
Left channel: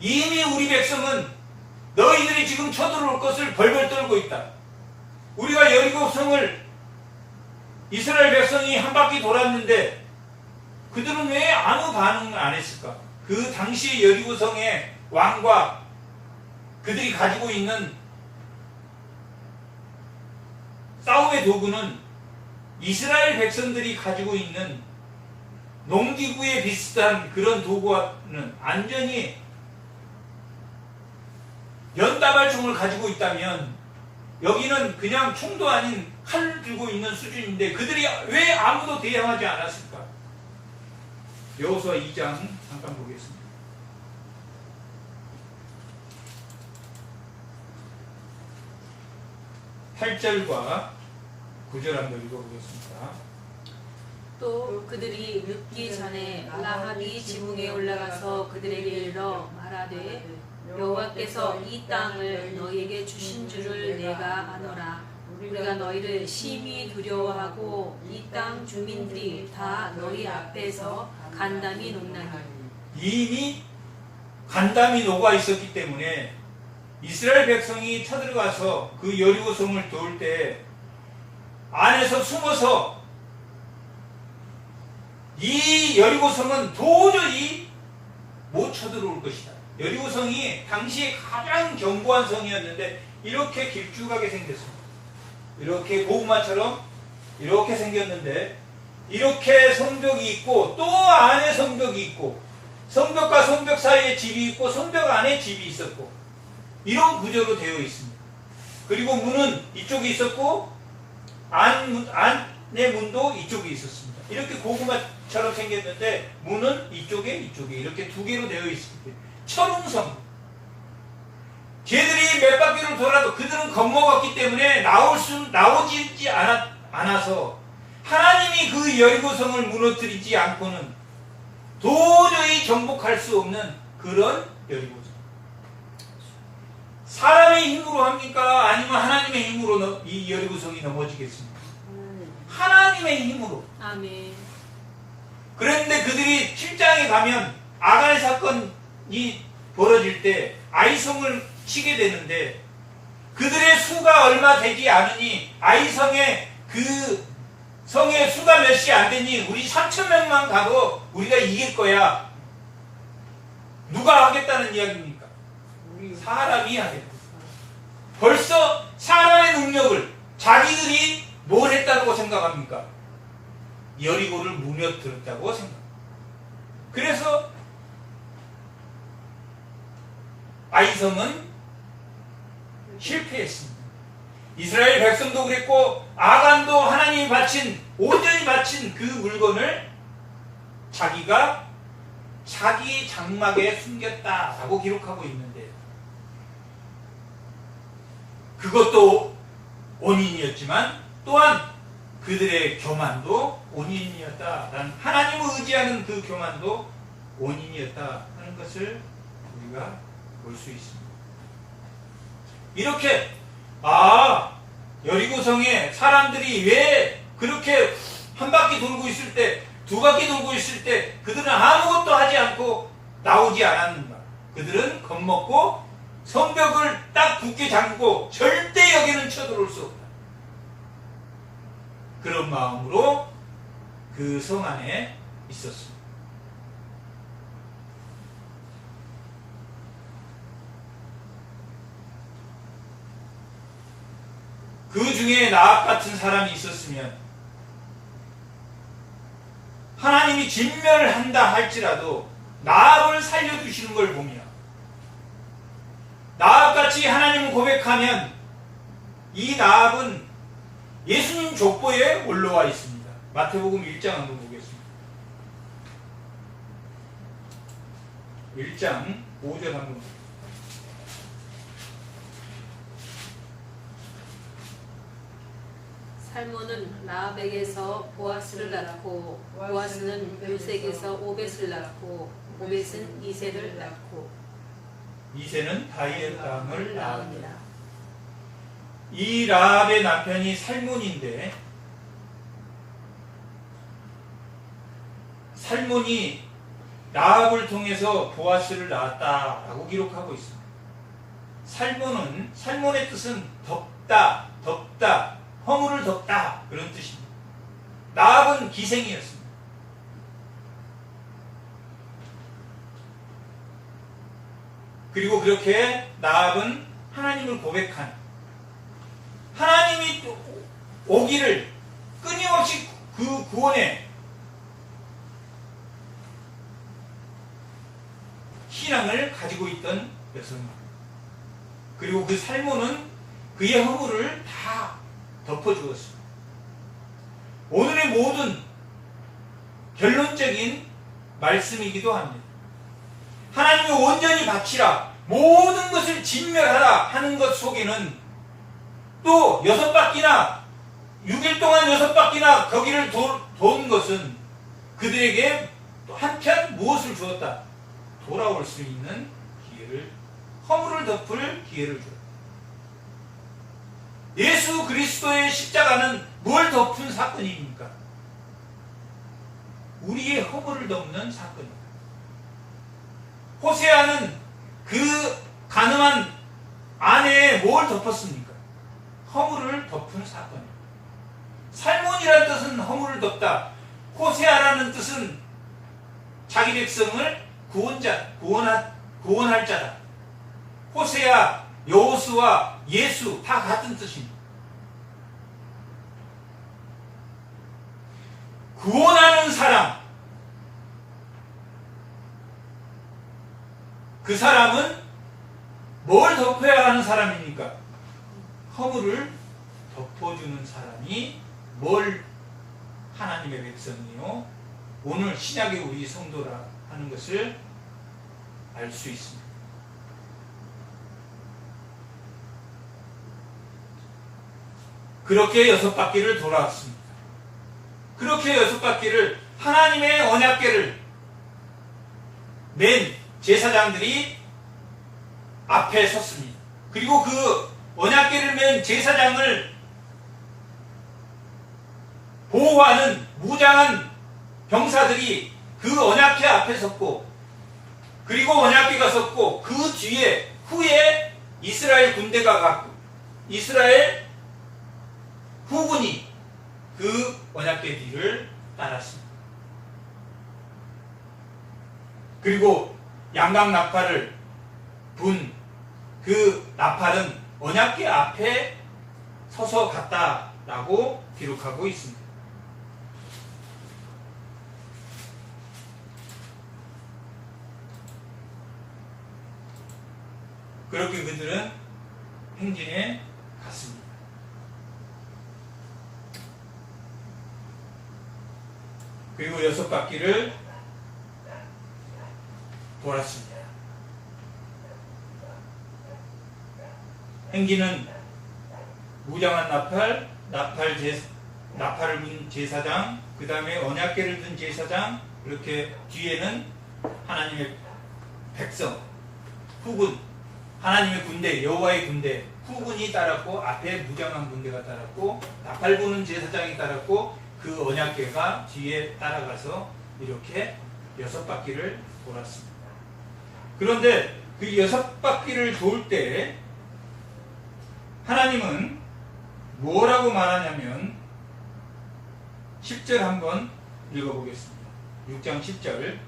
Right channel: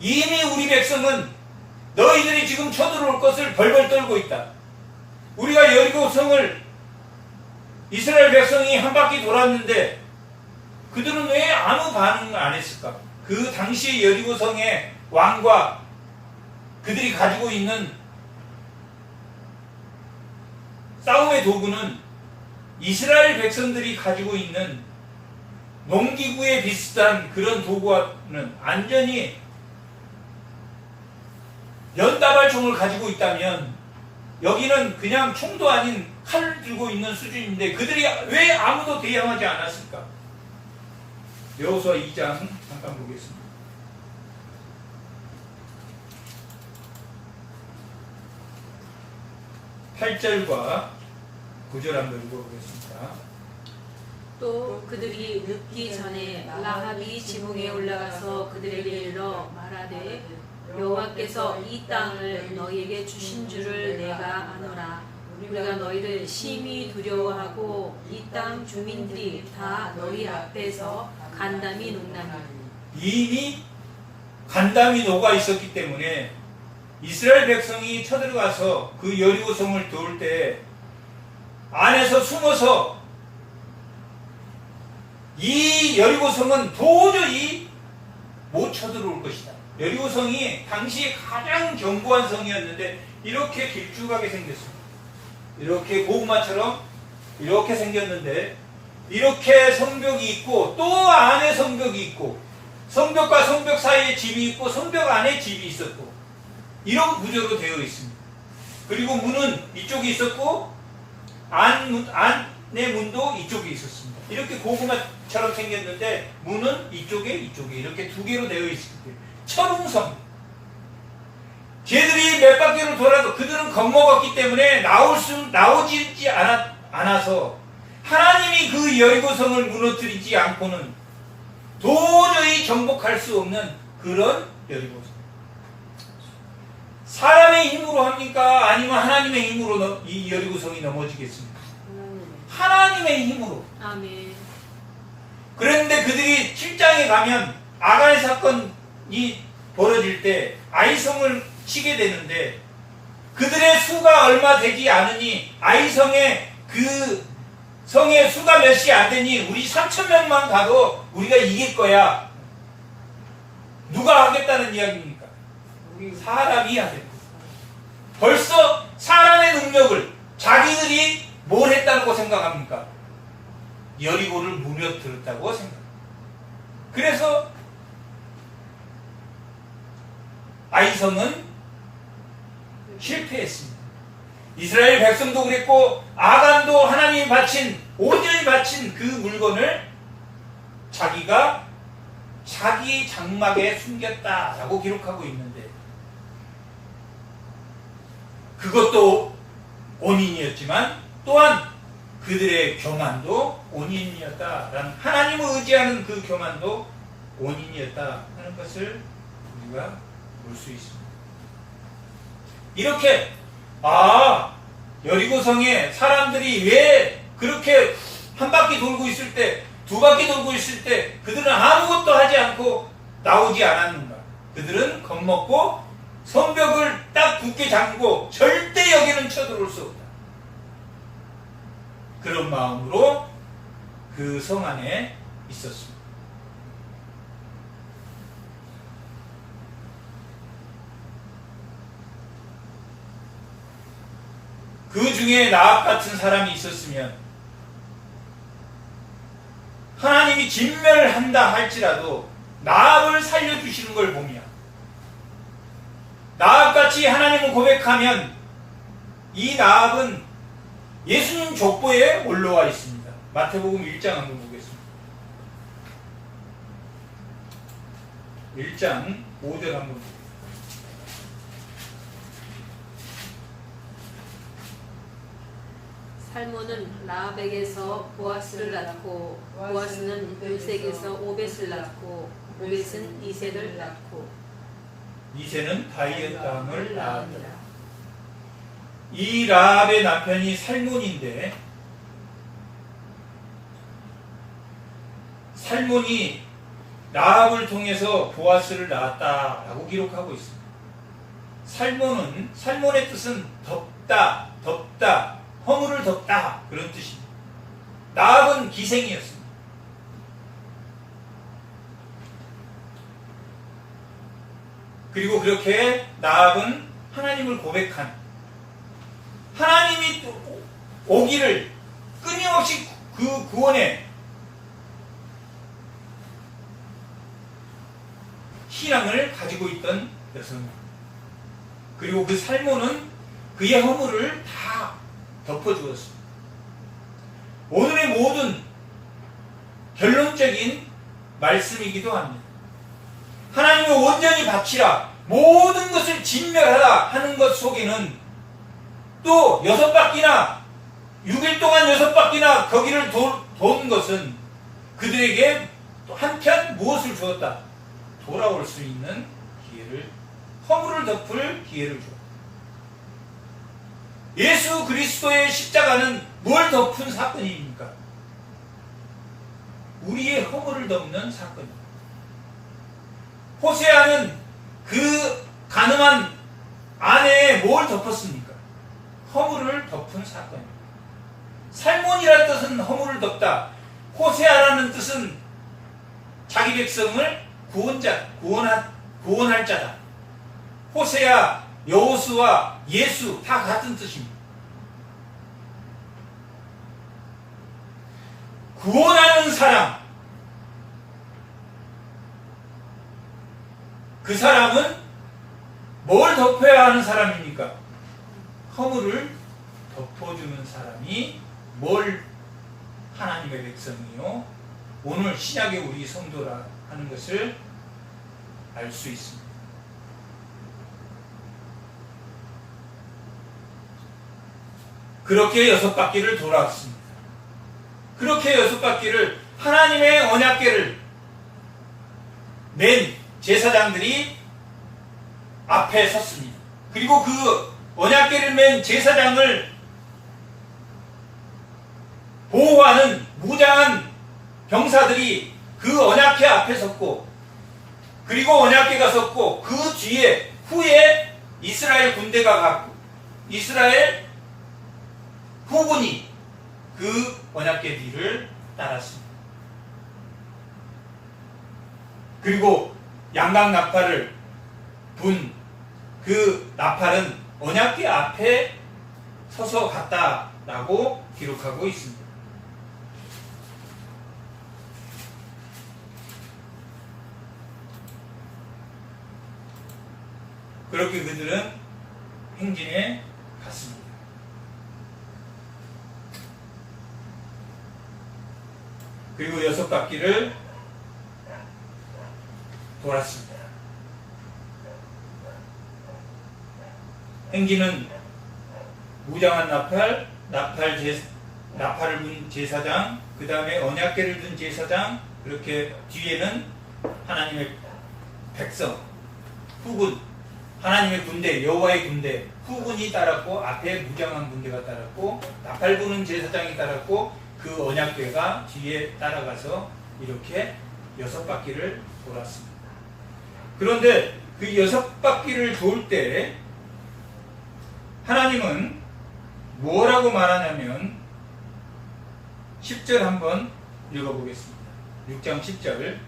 이미 우리 백성은 너희들이 지금 쳐들어올 것을 벌벌 떨고 있다. 우리가 여리고성을 이스라엘 백성이 한 바퀴 돌았는데 그들은 왜 아무 반응을 안 했을까? 그 당시 여리고성의 왕과 그들이 가지고 있는 싸움의 도구는 이스라엘 백성들이 가지고 있는 농기구에 비슷한 그런 도구와는 완전히 연다발총을 가지고 있다면 여기는 그냥 총도 아닌 칼을 들고 있는 수준인데 그들이 왜 아무도 대항하지 않았을까? 여호수아 2장 잠깐 보겠습니다. 8절과 9절 한번 읽어보겠습니다. 또 그들이 늦기 전에 라합이 지붕에 올라가서 그들에게 이르러 말하되 여호와께서 이 땅을 너희에게 주신 줄을 내가 아노라. 우리가 너희를 심히 두려워하고 이 땅 주민들이 다 너희 앞에서 간담이 녹나니. 이미 간담이 녹아 있었기 때문에 이스라엘 백성이 쳐들어가서 그 여리고성을 도울 때 안에서 숨어서 이 여리고성은 도저히 못 쳐들어올 것이다. 여리고성이 당시 가장 견고한 성이었는데 이렇게 길쭉하게 생겼습니다. 이렇게 고구마처럼 이렇게 생겼는데 이렇게 성벽이 있고 또 안에 성벽이 있고 성벽과 성벽 사이에 집이 있고 성벽 안에 집이 있었고 이런 구조로 되어 있습니다. 그리고 문은 이쪽에 있었고 안의 문도 이쪽에 있었습니다. 이렇게 고구마처럼 생겼는데 문은 이쪽에 이렇게 두 개로 되어 있을 때 철옹성. 걔들이 몇 바퀴를 돌아도 그들은 겁먹었기 때문에 나오지 않아서 하나님이 그 여리고성을 무너뜨리지 않고는 도저히 정복할 수 없는 그런 여리고성. 사람의 힘으로 합니까? 아니면 하나님의 힘으로 이 여리고성이 넘어지겠습니까? 하나님의 힘으로. 아멘. 그런데 그들이 7장에 가면 아간의 사건이 벌어질 때 아이성을 치게 되는데 그들의 수가 얼마 되지 않으니 아이성의 그 성의 수가 몇이 안 되니 우리 3,000명만 가도 우리가 이길 거야. 누가 하겠다는 이야기입니까? 사람이 하겠다. 벌써 사람의 능력을 자기들이 뭘 했다고 생각합니까? 여리고를 무너뜨렸다고 생각합니다. 그래서 아이성은 실패했습니다. 이스라엘 백성도 그랬고 아간도 하나님이 온전히 바친 그 물건을 자기가 자기 장막에 숨겼다라고 기록하고 있는데 그것도 원인이었지만 또한 그들의 교만도 원인이었다라는 하나님을 의지하는 그 교만도 원인이었다 하는 것을 우리가 볼 수 있습니다. 이렇게 여리고성에 사람들이 왜 그렇게 한 바퀴 돌고 있을 때, 두 바퀴 돌고 있을 때 그들은 아무것도 하지 않고 나오지 않았는가? 그들은 겁먹고 성벽을 딱 굳게 잠그고 절대 여기는 쳐들어올 수 없다. 그런 마음으로 그 성 안에 있었습니다. 그 중에 나압 같은 사람이 있었으면 하나님이 진멸한다 할지라도 나압을 살려주시는 걸 보며 나압같이 하나님을 고백하면 이 나압은 예수님 족보에 올라와 있습니다. 마태복음 1장 한번 보겠습니다. 1장 5절 한번 보겠습니다. 살몬은 라합에게서 보아스를 낳고 보아스는 르sek에서 오벳을 낳고 오벳은 이새를 낳고 이새는 다윗의 땅을 낳았더라. 이 라합의 남편이 살몬인데 살몬이 라합을 통해서 보아스를 낳았다라고 기록하고 있습니다. 살몬의 뜻은 덮다, 허물을 덮다 그런 뜻입니다. 라합은 기생이었습니다. 그리고 그렇게 라합은 하나님을 고백한 하나님이 오기를 끊임없이 그 구원에 신앙을 가지고 있던 여성입니다. 그리고 그 살몬은 그의 허물을 다 덮어주었습니다. 오늘의 모든 결론적인 말씀이기도 합니다. 하나님을 온전히 바치라, 모든 것을 진멸하라 하는 것 속에는 또 6바퀴나 6일 동안 6바퀴나 거기를 도는 것은 그들에게 또 한편 무엇을 주었다? 돌아올 수 있는 기회를, 허물을 덮을 기회를 주었다. 예수 그리스도의 십자가는 뭘 덮은 사건입니까? 우리의 허물을 덮는 사건입니다. 호세아는 그 가늠한 아내의 뭘 덮었습니까? 허물을 덮은 사건입니다. 살몬이라는 뜻은 허물을 덮다. 호세아라는 뜻은 자기 백성을 구원할 자다. 호세아, 여호수아, 예수 다 같은 뜻입니다. 구원하는 사람, 그 사람은 뭘 덮어야 하는 사람입니까? 허물을 덮어주는 사람이 뭘 하나님의 백성이요, 오늘 신약의 우리 성도라 하는 것을 알 수 있습니다. 그렇게 6바퀴를 돌아왔습니다. 그렇게 6바퀴를 하나님의 언약궤를 맨 제사장들이 앞에 섰습니다. 그리고 그 언약궤를 맨 제사장을 보호하는 무장한 병사들이 그 언약궤 앞에 섰고, 그리고 언약궤가 섰고, 그 뒤에 후에 이스라엘 군대가 갔고, 이스라엘 후군이 그 언약궤 뒤를 따랐습니다. 그리고 양각 나팔을 분 그 나팔은 언약궤 앞에 서서 갔다라고 기록하고 있습니다. 그렇게 그들은 행진에 갔습니다. 그리고 6바퀴를 돌았습니다. 행진은 무장한 나팔을 분 제사장, 그 다음에 언약궤를 든 제사장, 그렇게 뒤에는 하나님의 백성, 후군, 하나님의 군대, 여호와의 군대, 후군이 따랐고, 앞에 무장한 군대가 따랐고, 나팔 부는 제사장이 따랐고, 그 언약궤가 뒤에 따라가서 이렇게 6바퀴를 돌았습니다. 그런데 그 6바퀴를 돌 때 하나님은 뭐라고 말하냐면 10절 한번 읽어보겠습니다. 6장 10절.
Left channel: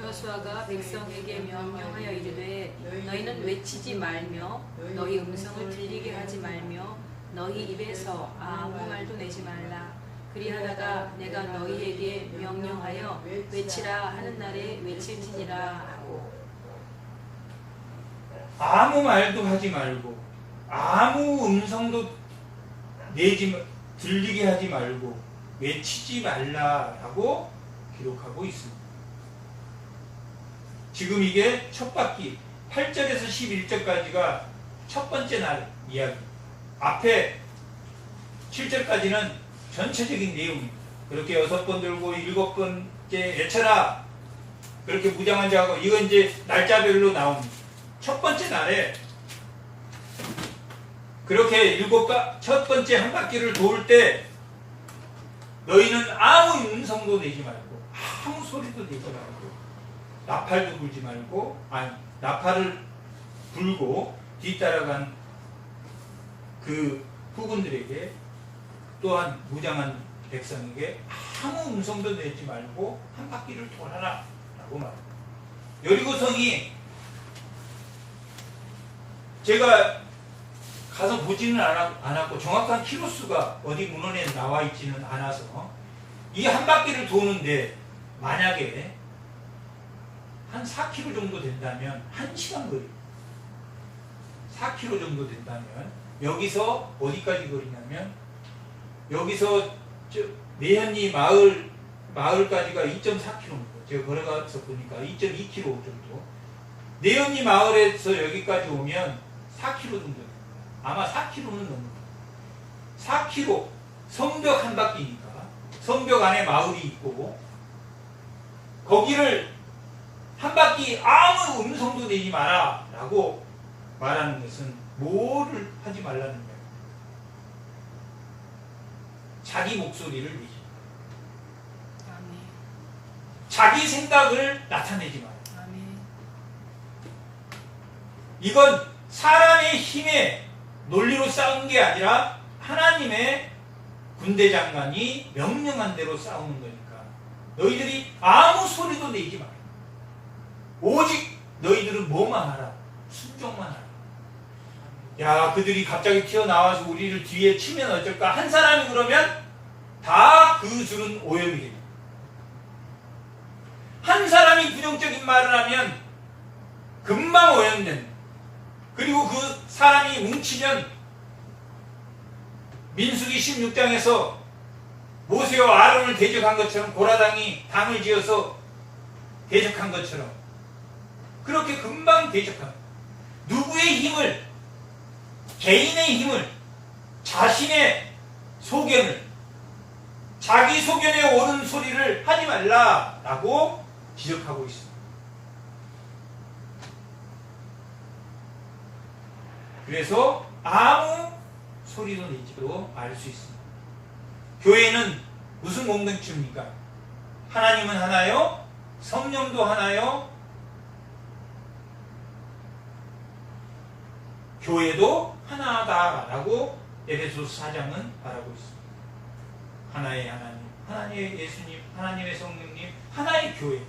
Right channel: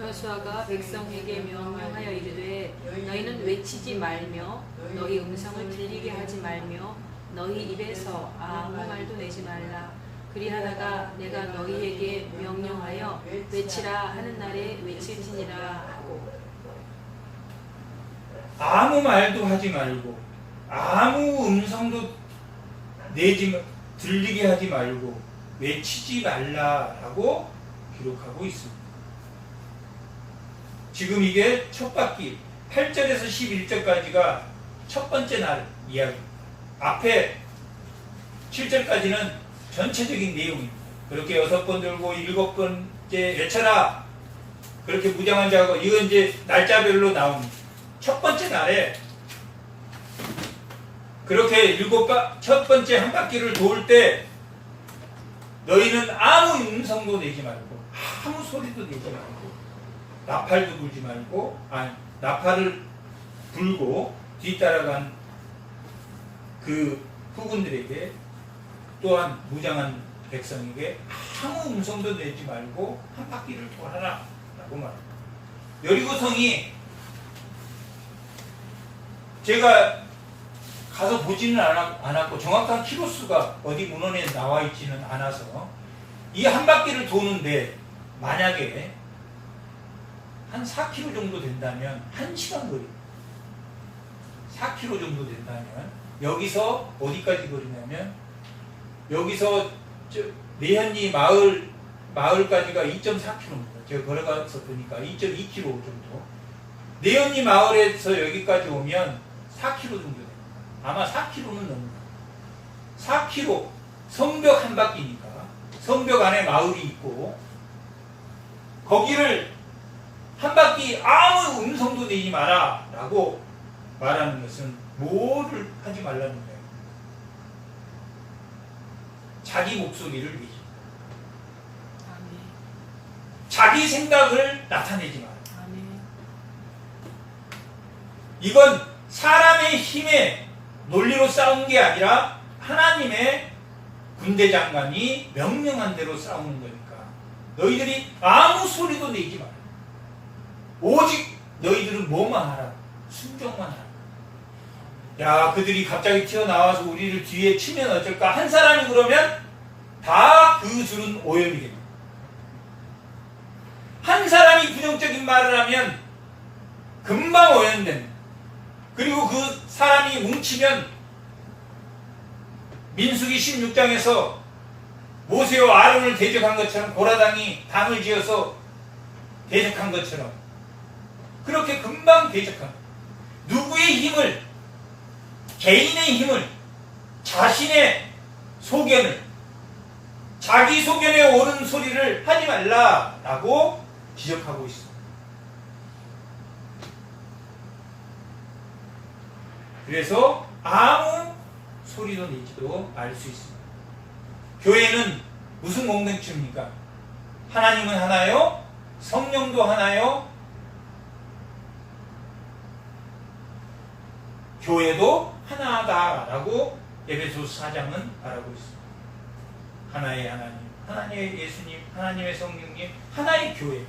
여호수아가 백성에게 명령하여 이르되 너희는 외치지 말며 너희 음성을 들리게 하지 말며 너희 입에서 아무 말도 내지 말라. 그리하다가 내가 너희에게 명령하여 외치라 하는 날에 외칠지니라 하고. 아무 말도 하지 말고, 아무 음성도 들리게 하지 말고, 외치지 말라라고 기록하고 있습니다. 지금 이게 첫 바퀴 8절에서 11절까지가 첫 번째 날 이야기, 앞에 7절까지는 전체적인 내용입니다. 그렇게 6번 들고 7번째 외쳐라, 그렇게 무장한 자하고, 이건 이제 날짜별로 나옵니다. 첫 번째 날에 그렇게 첫 번째 한 바퀴를 돌 때 너희는 아무 음성도 내지 말고, 아무 소리도 내지 말고, 나팔도 불지 말고, 나팔을 불고 뒤따라간 그 후군들에게, 또한 무장한 백성에게 아무 음성도 내지 말고 한 바퀴를 돌아라 라고 말합니다. 여리고성이, 제가 가서 보지는 않았고 정확한 키로수가 어디 문헌에 나와 있지는 않아서, 이 한 바퀴를 도는데 만약에 한 4km 정도 된다면 1시간 거리, 4km 정도 된다면 여기서 어디까지 거리냐면, 여기서 내현리 마을까지가 2.4km, 제가 걸어가서 보니까 2.2km 정도. 내현리 마을에서 여기까지 오면 4km 정도 됩니다. 아마 4km는 넘을 거예요. 4km 성벽 한 바퀴니까 성벽 안에 마을이 있고 거기를 한 바퀴 아무 음성도 내지 마라 라고 말하는 것은 뭐를 하지 말라는 거예요. 자기 목소리를 내지 아멘. 자기 생각을 나타내지 마라. 아멘. 이건 사람의 힘의 논리로 싸운 게 아니라 하나님의 군대 장관이 명령한 대로 싸우는 거니까 너희들이 아무 소리도 내지 마라. 오직 너희들은 뭐만 하라. 순종만 하라. 야, 그들이 갑자기 튀어나와서 우리를 뒤에 치면 어쩔까? 한 사람이 그러면 다 그 줄은 오염이 됩니다. 한 사람이 부정적인 말을 하면 금방 오염됩니다. 그리고 그 사람이 뭉치면 민수기 16장에서 모세와 아론을 대적한 것처럼 고라당이 당을 지어서 대적한 것처럼 그렇게 금방 대적합니다. 누구의 힘을, 개인의 힘을, 자신의 소견을, 자기 소견에 옳은 소리를 하지 말라라고 지적하고 있습니다. 그래서 아무 소리도 내지도 알 수 있습니다. 교회는 무슨 공동체입니까? 하나님은 하나요? 성령도 하나요? 교회도 하나다라고 에베소서 4장은 말하고 있습니다. 하나의 하나님, 하나님의 예수님, 하나님의 성령님, 하나의 교회.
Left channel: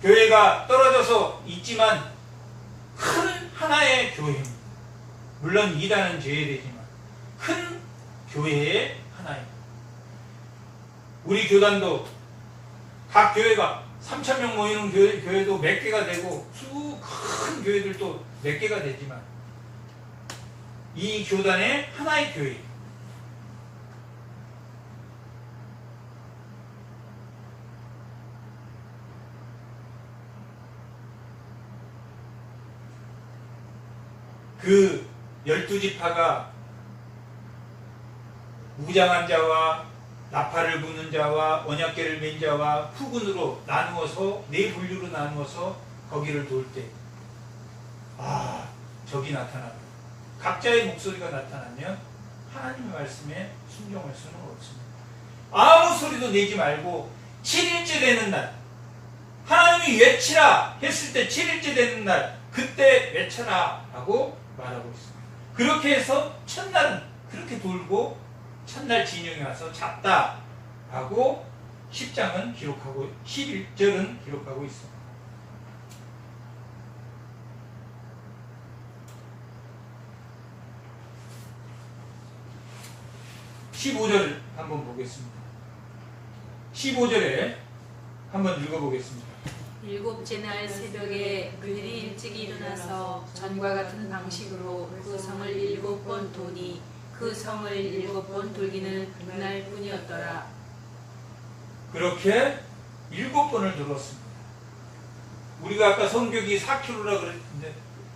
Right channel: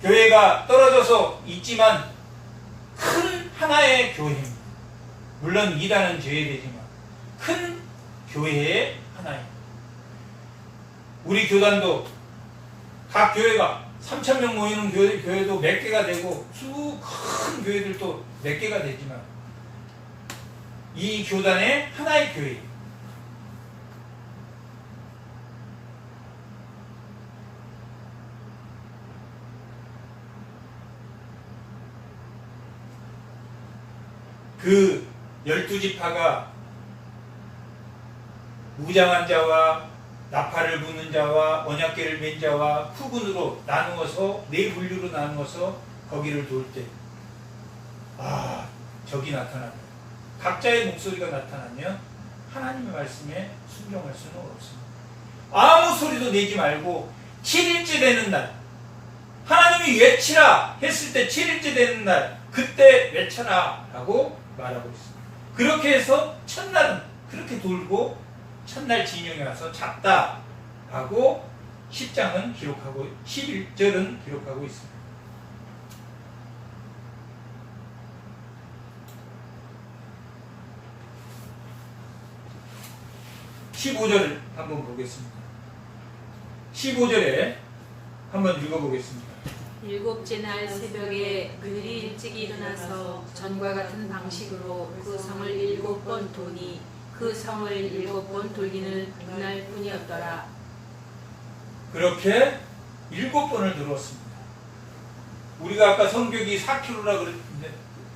교회가 떨어져서 있지만 큰 하나의 교회입니다. 물론 이단은 제외되지만 큰 교회의 하나입니다. 우리 교단도 각 교회가 3,000명 모이는 교회도 몇 개가 되고 큰 교회들도 몇 개가 되지만 이 교단의 하나의 교회. 그 12지파가 무장한 자와 나팔을 부는 자와 언약궤를 맨 자와 후군으로 나누어서 네 분류로 나누어서 거기를 돌 때 적이 나타납니다. 각자의 목소리가 나타나면 하나님의 말씀에 순종할 수는 없습니다. 아무 소리도 내지 말고 7일째 되는 날 하나님이 외치라 했을 때 7일째 되는 날 그때 외쳐라 라고 말하고 있습니다. 그렇게 해서 첫날은 그렇게 돌고 첫날 진영에 와서 잡다 하고 10장은 기록하고 11절은 기록하고 있습니다. 15절을 한번 보겠습니다. 15절에 한번 읽어보겠습니다. 일곱째 날 새벽에 그들이 일찍 일어나서 전과 같은 방식으로 그 성을 7번 도니 그 성을 7번 돌기는 그날 뿐이었더라. 그렇게 7번을 들었습니다. 우리가 아까 성벽이 4km라 그랬는데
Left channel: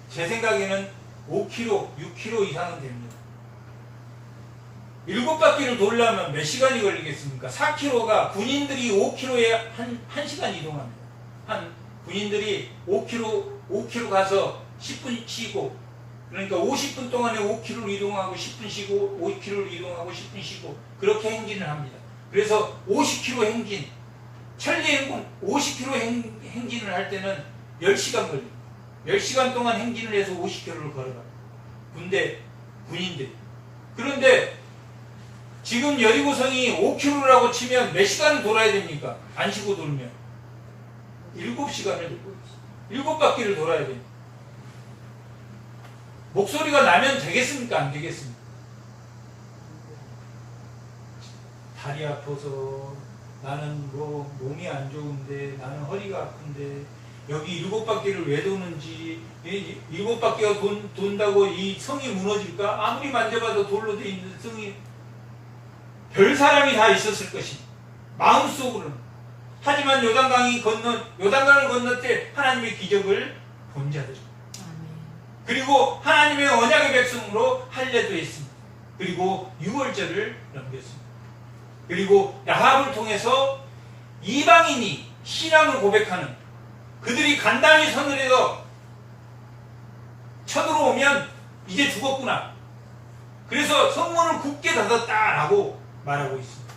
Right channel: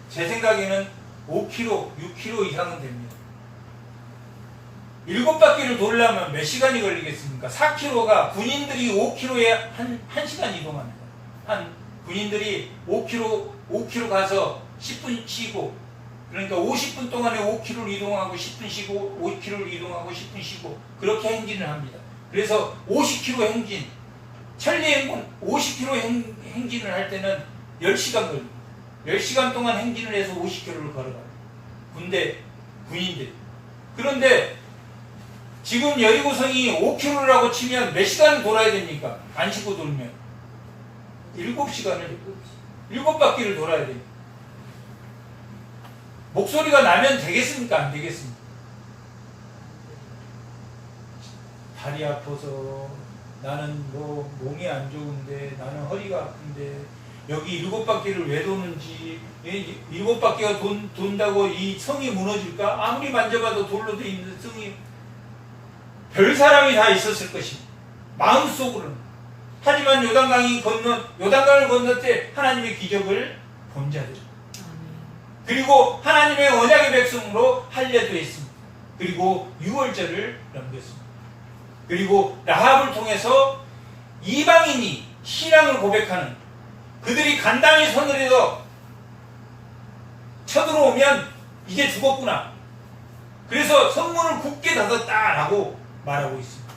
제 생각에는 5km, 6km 이상은 됩니다. 7바퀴를 돌려면 몇 시간이 걸리겠습니까? 4km가 군인들이 5km에 1시간 이동합니다. 군인들이 5km 가서 10분 쉬고 그러니까 50분 동안에 5km를 이동하고 10분 쉬고 5km를 이동하고 10분 쉬고 그렇게 행진을 합니다. 그래서 50km 행진, 천리행군 50km 행진을 할 때는 10시간 걸립니다. 10시간 동안 행진을 해서 50km를 걸어갑니다. 군인들. 그런데 지금 여리고성이 5km라고 치면 몇 시간을 돌아야 됩니까? 안 쉬고 돌면 7시간을 7바퀴를 돌아야 돼요. 목소리가 나면 되겠습니까? 안 되겠습니까? 다리 아파서 나는 뭐 몸이 안 좋은데 나는 허리가 아픈데 여기 7바퀴를 왜 도는지 7바퀴가 돈다고 이 성이 무너질까? 아무리 만져봐도 돌로 돼 있는 성이 별 사람이 다 있었을 것입니다. 마음속으로는. 하지만 요단강을 건널 때 하나님의 기적을 본 자들. 그리고 하나님의 언약의 백성으로 할례도 했습니다. 그리고 유월절을 넘겼습니다. 그리고 라합을 통해서 이방인이 신앙을 고백하는, 그들이 간단히 서늘해서 쳐들어오면 이제 죽었구나, 그래서 성문을 굳게 닫았다라고 말하고 있습니다.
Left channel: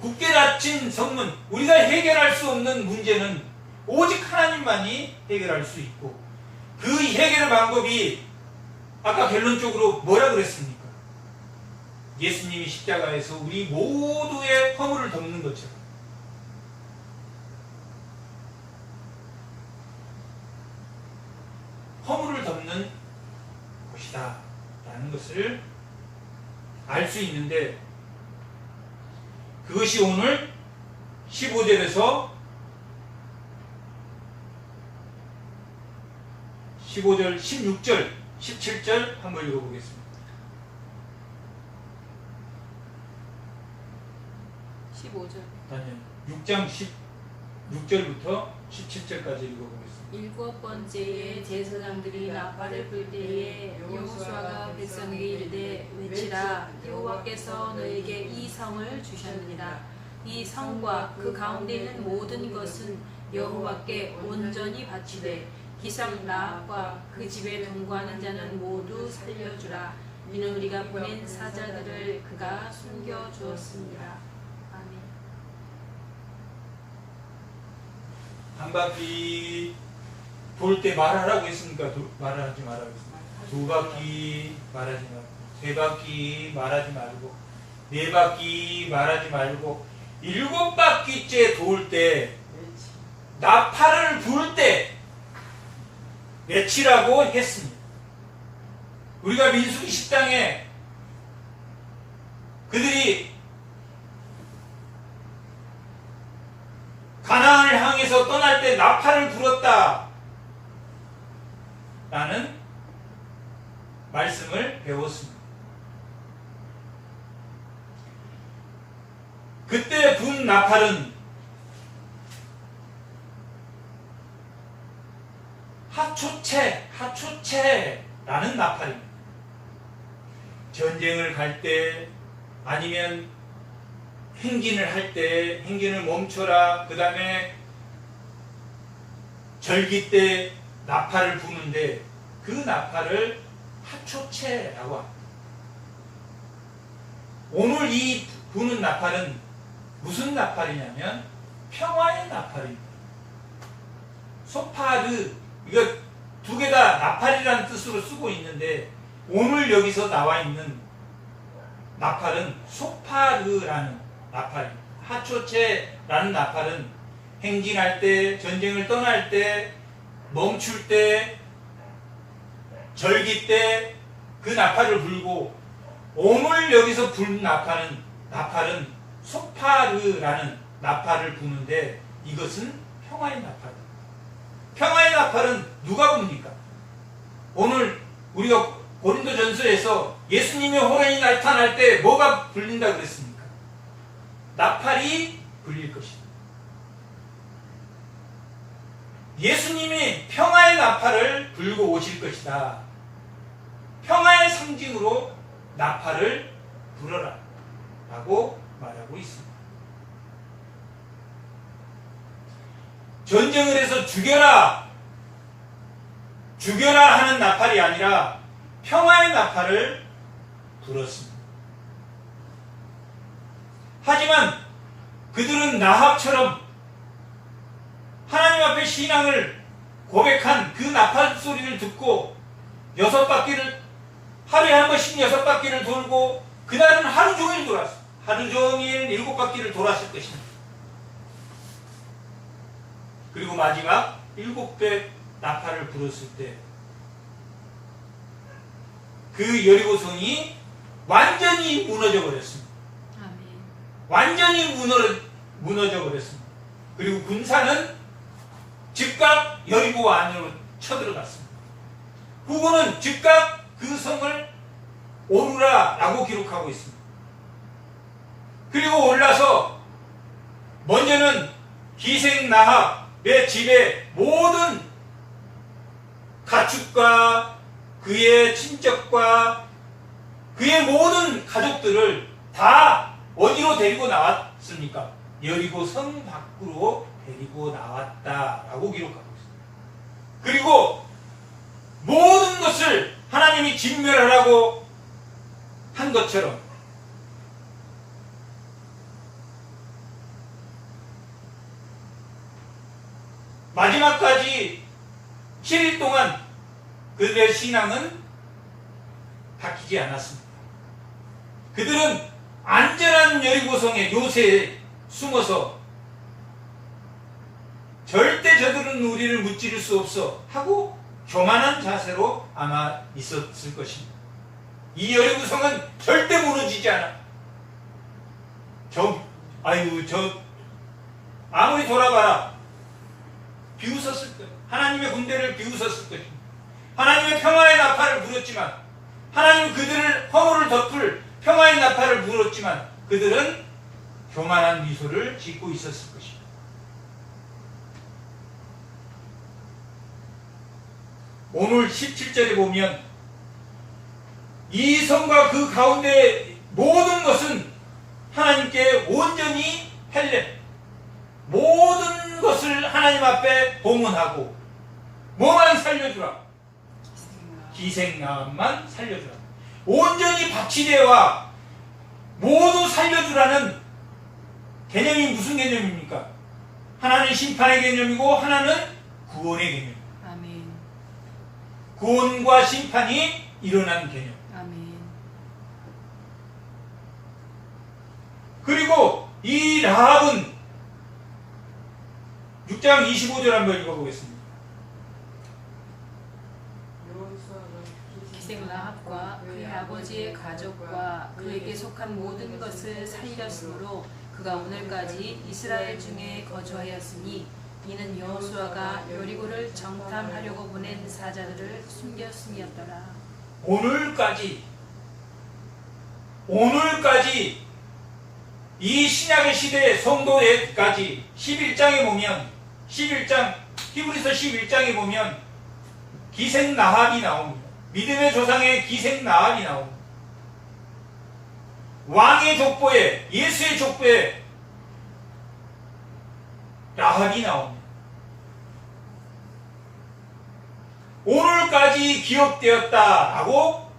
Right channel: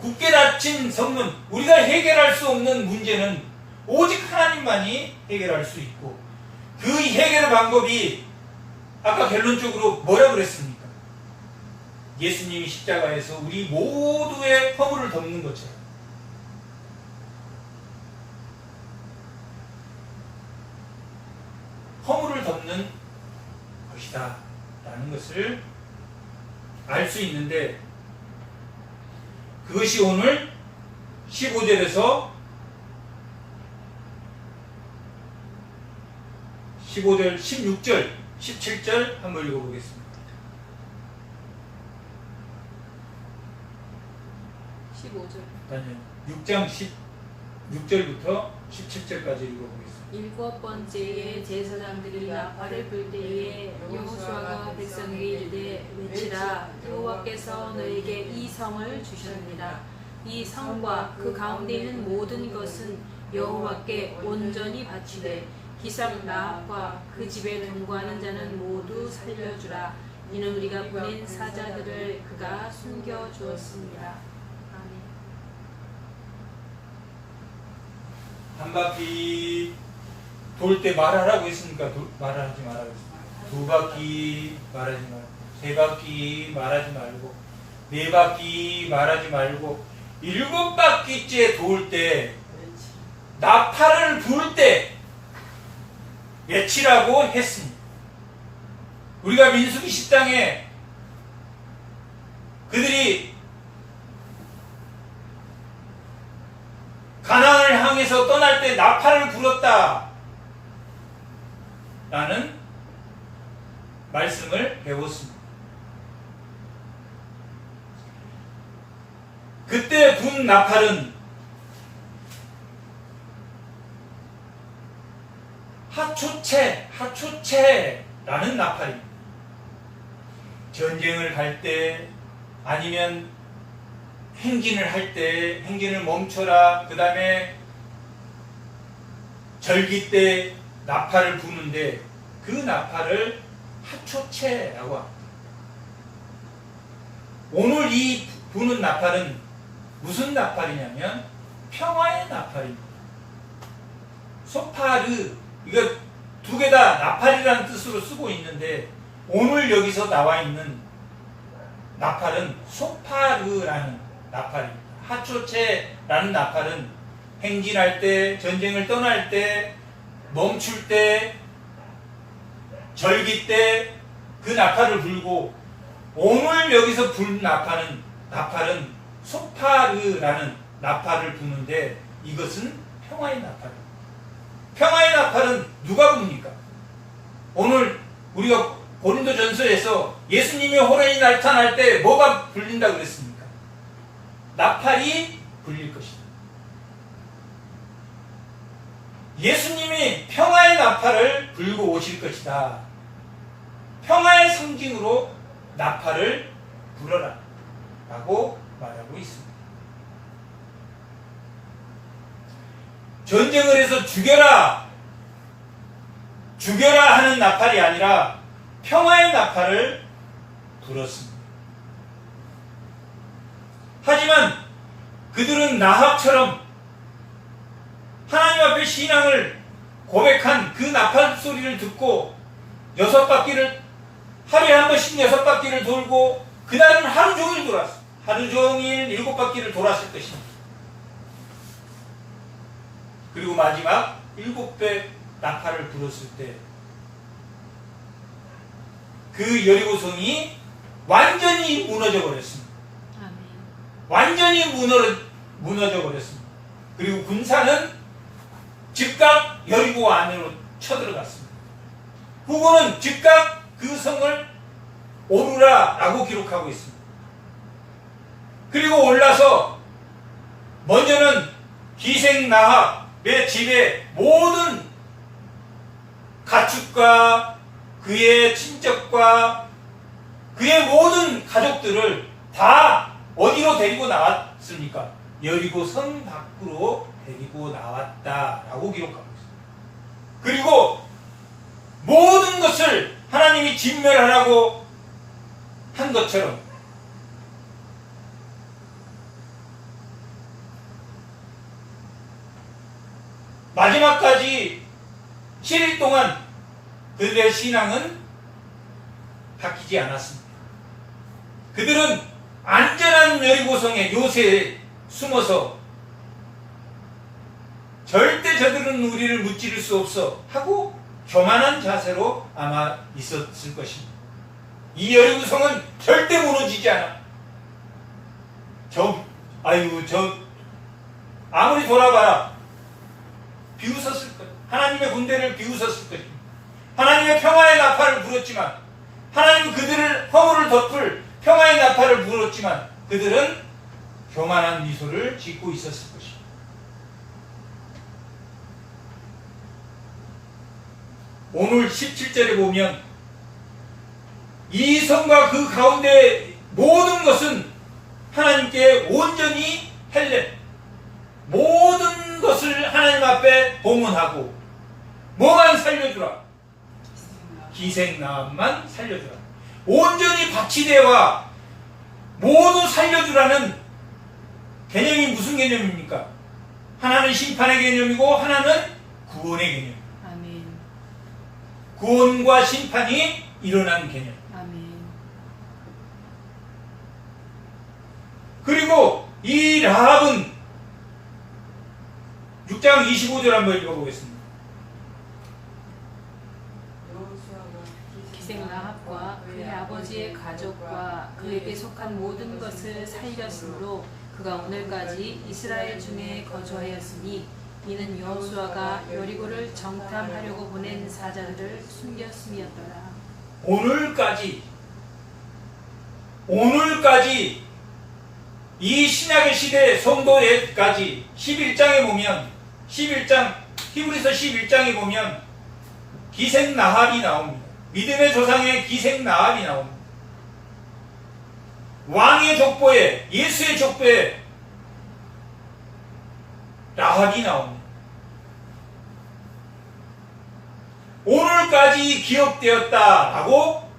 굳게 닫힌 성문, 우리가 해결할 수 없는 문제는 오직 하나님만이 해결할 수 있고, 그 해결의 방법이 아까 결론적으로 뭐라 그랬습니까? 예수님이 십자가에서 우리 모두의 허물을 덮는 것처럼 허물을 덮는 것이다 라는 것을 알 수 있는데, 그것이 오늘 15절에서 15절, 16절, 17절 한번 읽어보겠습니다. 15절. 아니요, 6장 16절부터 17절까지 읽어보겠습니다. 일곱 번째에 제사장들이 나팔을 불 때에 여호수아가 백성에게 이르되 외치라, 여호와께서 너에게 이 성을 주셨느니라. 이 성과 그 가운데 있는 모든 것은 여호와께 온전히 바치되 기성 라합과 그 집에 동거하는 자는 모두 살려주라. 이는 우리가 보낸 사자들을 그가 숨겨 주었습니다. 아멘. 한 바퀴 돌 때 말하라고 했습니까? 말하지 말라고 했습니까? 두 바퀴 말하지 말고, 세 바퀴 말하지 말고, 네 바퀴 말하지 말고, 일곱 바퀴째 돌 때, 나팔을 불 때 외치라고 했습니다. 우리가 민수기 10장에 그들이 가나안을 향해서 떠날 때 나팔을 불었다 라는 말씀을 배웠습니다. 그때 분 나팔은 하초체라는 나팔입니다. 전쟁을 갈 때, 아니면 행진을 할 때 행진을 멈춰라, 그 다음에 절기 때 나팔을 부는데 그 나팔을 하초체라고 합니다. 오늘 이 부는 나팔은 무슨 나팔이냐면 평화의 나팔입니다. 소파르, 이거 두 개 다 나팔이라는 뜻으로 쓰고 있는데, 오늘 여기서 나와 있는 나팔은 소파르라는 나팔입니다. 하초체라는 나팔은 행진할 때, 전쟁을 떠날 때, 멈출 때, 절기 때 그 나팔을 불고, 오늘 여기서 불 나팔은 소파르라는 나팔을 부는데, 이것은 평화의 나팔입니다. 평화의 나팔은 누가 붑니까? 오늘 우리가 고린도전서에서 예수님이 호련히 나타날 때 뭐가 불린다 그랬습니까? 나팔이 불릴 것이다. 예수님이 평화의 나팔을 불고 오실 것이다. 평화의 상징으로 나팔을 불어라 라고 말하고 있습니다. 전쟁을 해서 죽여라 하는 나팔이 아니라 평화의 나팔을 불었습니다. 하지만 그들은 라합처럼 하나님 앞에 신앙을 고백한 그 나팔 소리를 듣고 하루에 한 번씩 6바퀴를 돌고, 그날은 하루 종일 돌았어요. 하루 종일 7바퀴를 돌았을 것입니다. 그리고 마지막 7배 나팔을 불었을 때 그 여리고성이 완전히 무너져 버렸습니다. 아멘. 완전히 무너져 버렸습니다. 그리고 군사는 즉각 여리고 안으로 쳐들어갔습니다. 후고는 즉각 그 성을 오르라라고 기록하고 있습니다. 그리고 올라서 먼저는 기생 라합의 집에 모든 가축과 그의 친척과 그의 모든 가족들을 다 어디로 데리고 나왔습니까? 여리고 성 밖으로 데리고 나왔다라고 기록하고 있습니다. 그리고 모든 것을 하나님이 진멸하라고 한 것처럼 마지막까지 7일 동안 그들의 신앙은 바뀌지 않았습니다. 그들은 안전한 여리고성의 요새에 숨어서 절대 저들은 우리를 무찌를 수 없어 하고 교만한 자세로 아마 있었을 것입니다. 이 여리고성은 절대 무너지지 않아. 아무리 돌아봐라 비웃었을 거예요. 하나님의 군대를 비웃었을 것입니다. 하나님의 평화의 나팔을 불었지만, 하나님 그들을 허물을 덮을 평화의 나팔을 불었지만 그들은 교만한 미소를 짓고 있었을 것입니다. 오늘 17절에 보면 이 성과 그 가운데 모든 것은 하나님께 온전히 헬렘, 모든 것을 하나님 앞에 봉헌하고 뭐만 살려주라? 기생나만 살려주라. 온전히 박치대와 모두 살려주라는 개념이 무슨 개념입니까? 하나는 심판의 개념이고 하나는 구원의 개념. 아멘. 구원과 심판이 일어난 개념. 아멘. 그리고 이 라합은 6장 25절 한번 읽어보겠습니다. 기생 라합과 그의 아버지의 가족과 그에게 속한 모든 것을 살렸으므로 그가 오늘까지 이스라엘 중에 거주하였으니 이는 여호수아가 여리고를 정탐하려고 보낸 사자들을 숨겼음이었더라. 오늘까지 이 신약의 시대 성도에까지 11장에 보면 11장 히브리서 11장에 보면 기생 라합이 나옵니다. 믿음의 조상의 기생 라합이 나옵니다. 왕의 족보에 예수의 족보에 라합이 나옵니다. 오늘까지 기억되었다라고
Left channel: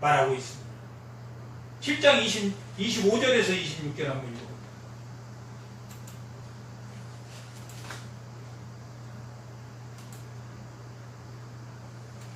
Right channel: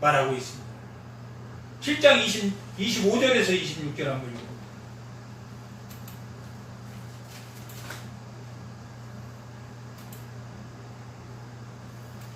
말하고 있습니다. 7장 25절에서 26절 한번 읽어볼게요.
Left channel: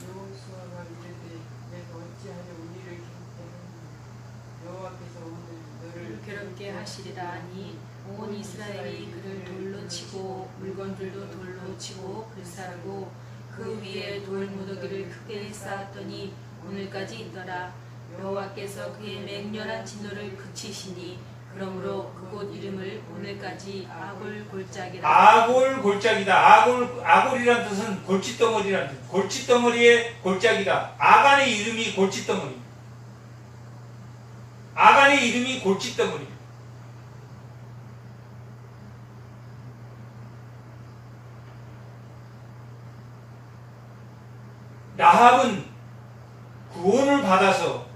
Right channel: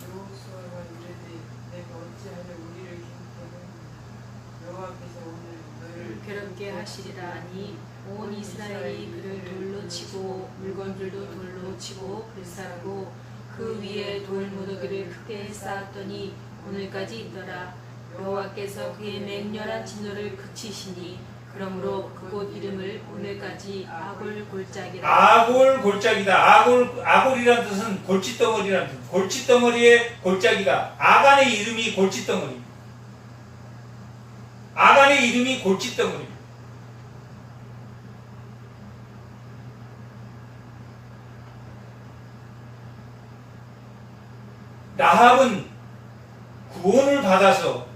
여호수아가 이르되 내가 어찌하여 우리를 괴롭게 하느냐 여호와께서 오늘 너를 괴롭게 하시리라 하니 온 이스라엘이 그를 돌로 치고 물건들도 돌로 치고 불사르고 그 위에 돌 무더기를 크게 쌓았더니 오늘까지 있더라. 여호와께서 그의 맹렬한 진노를 그치시니 그러므로 그곳 이름을 오늘까지 아골 골짜기라. 아골 골짜기다. 아골이란 뜻은 골칫덩어리라는 뜻. 골칫덩어리의 골짜기다. 아간의 이름이 골칫덩어리. 아간의 이름이 골칫덩어리. 라합은 구원을 받아서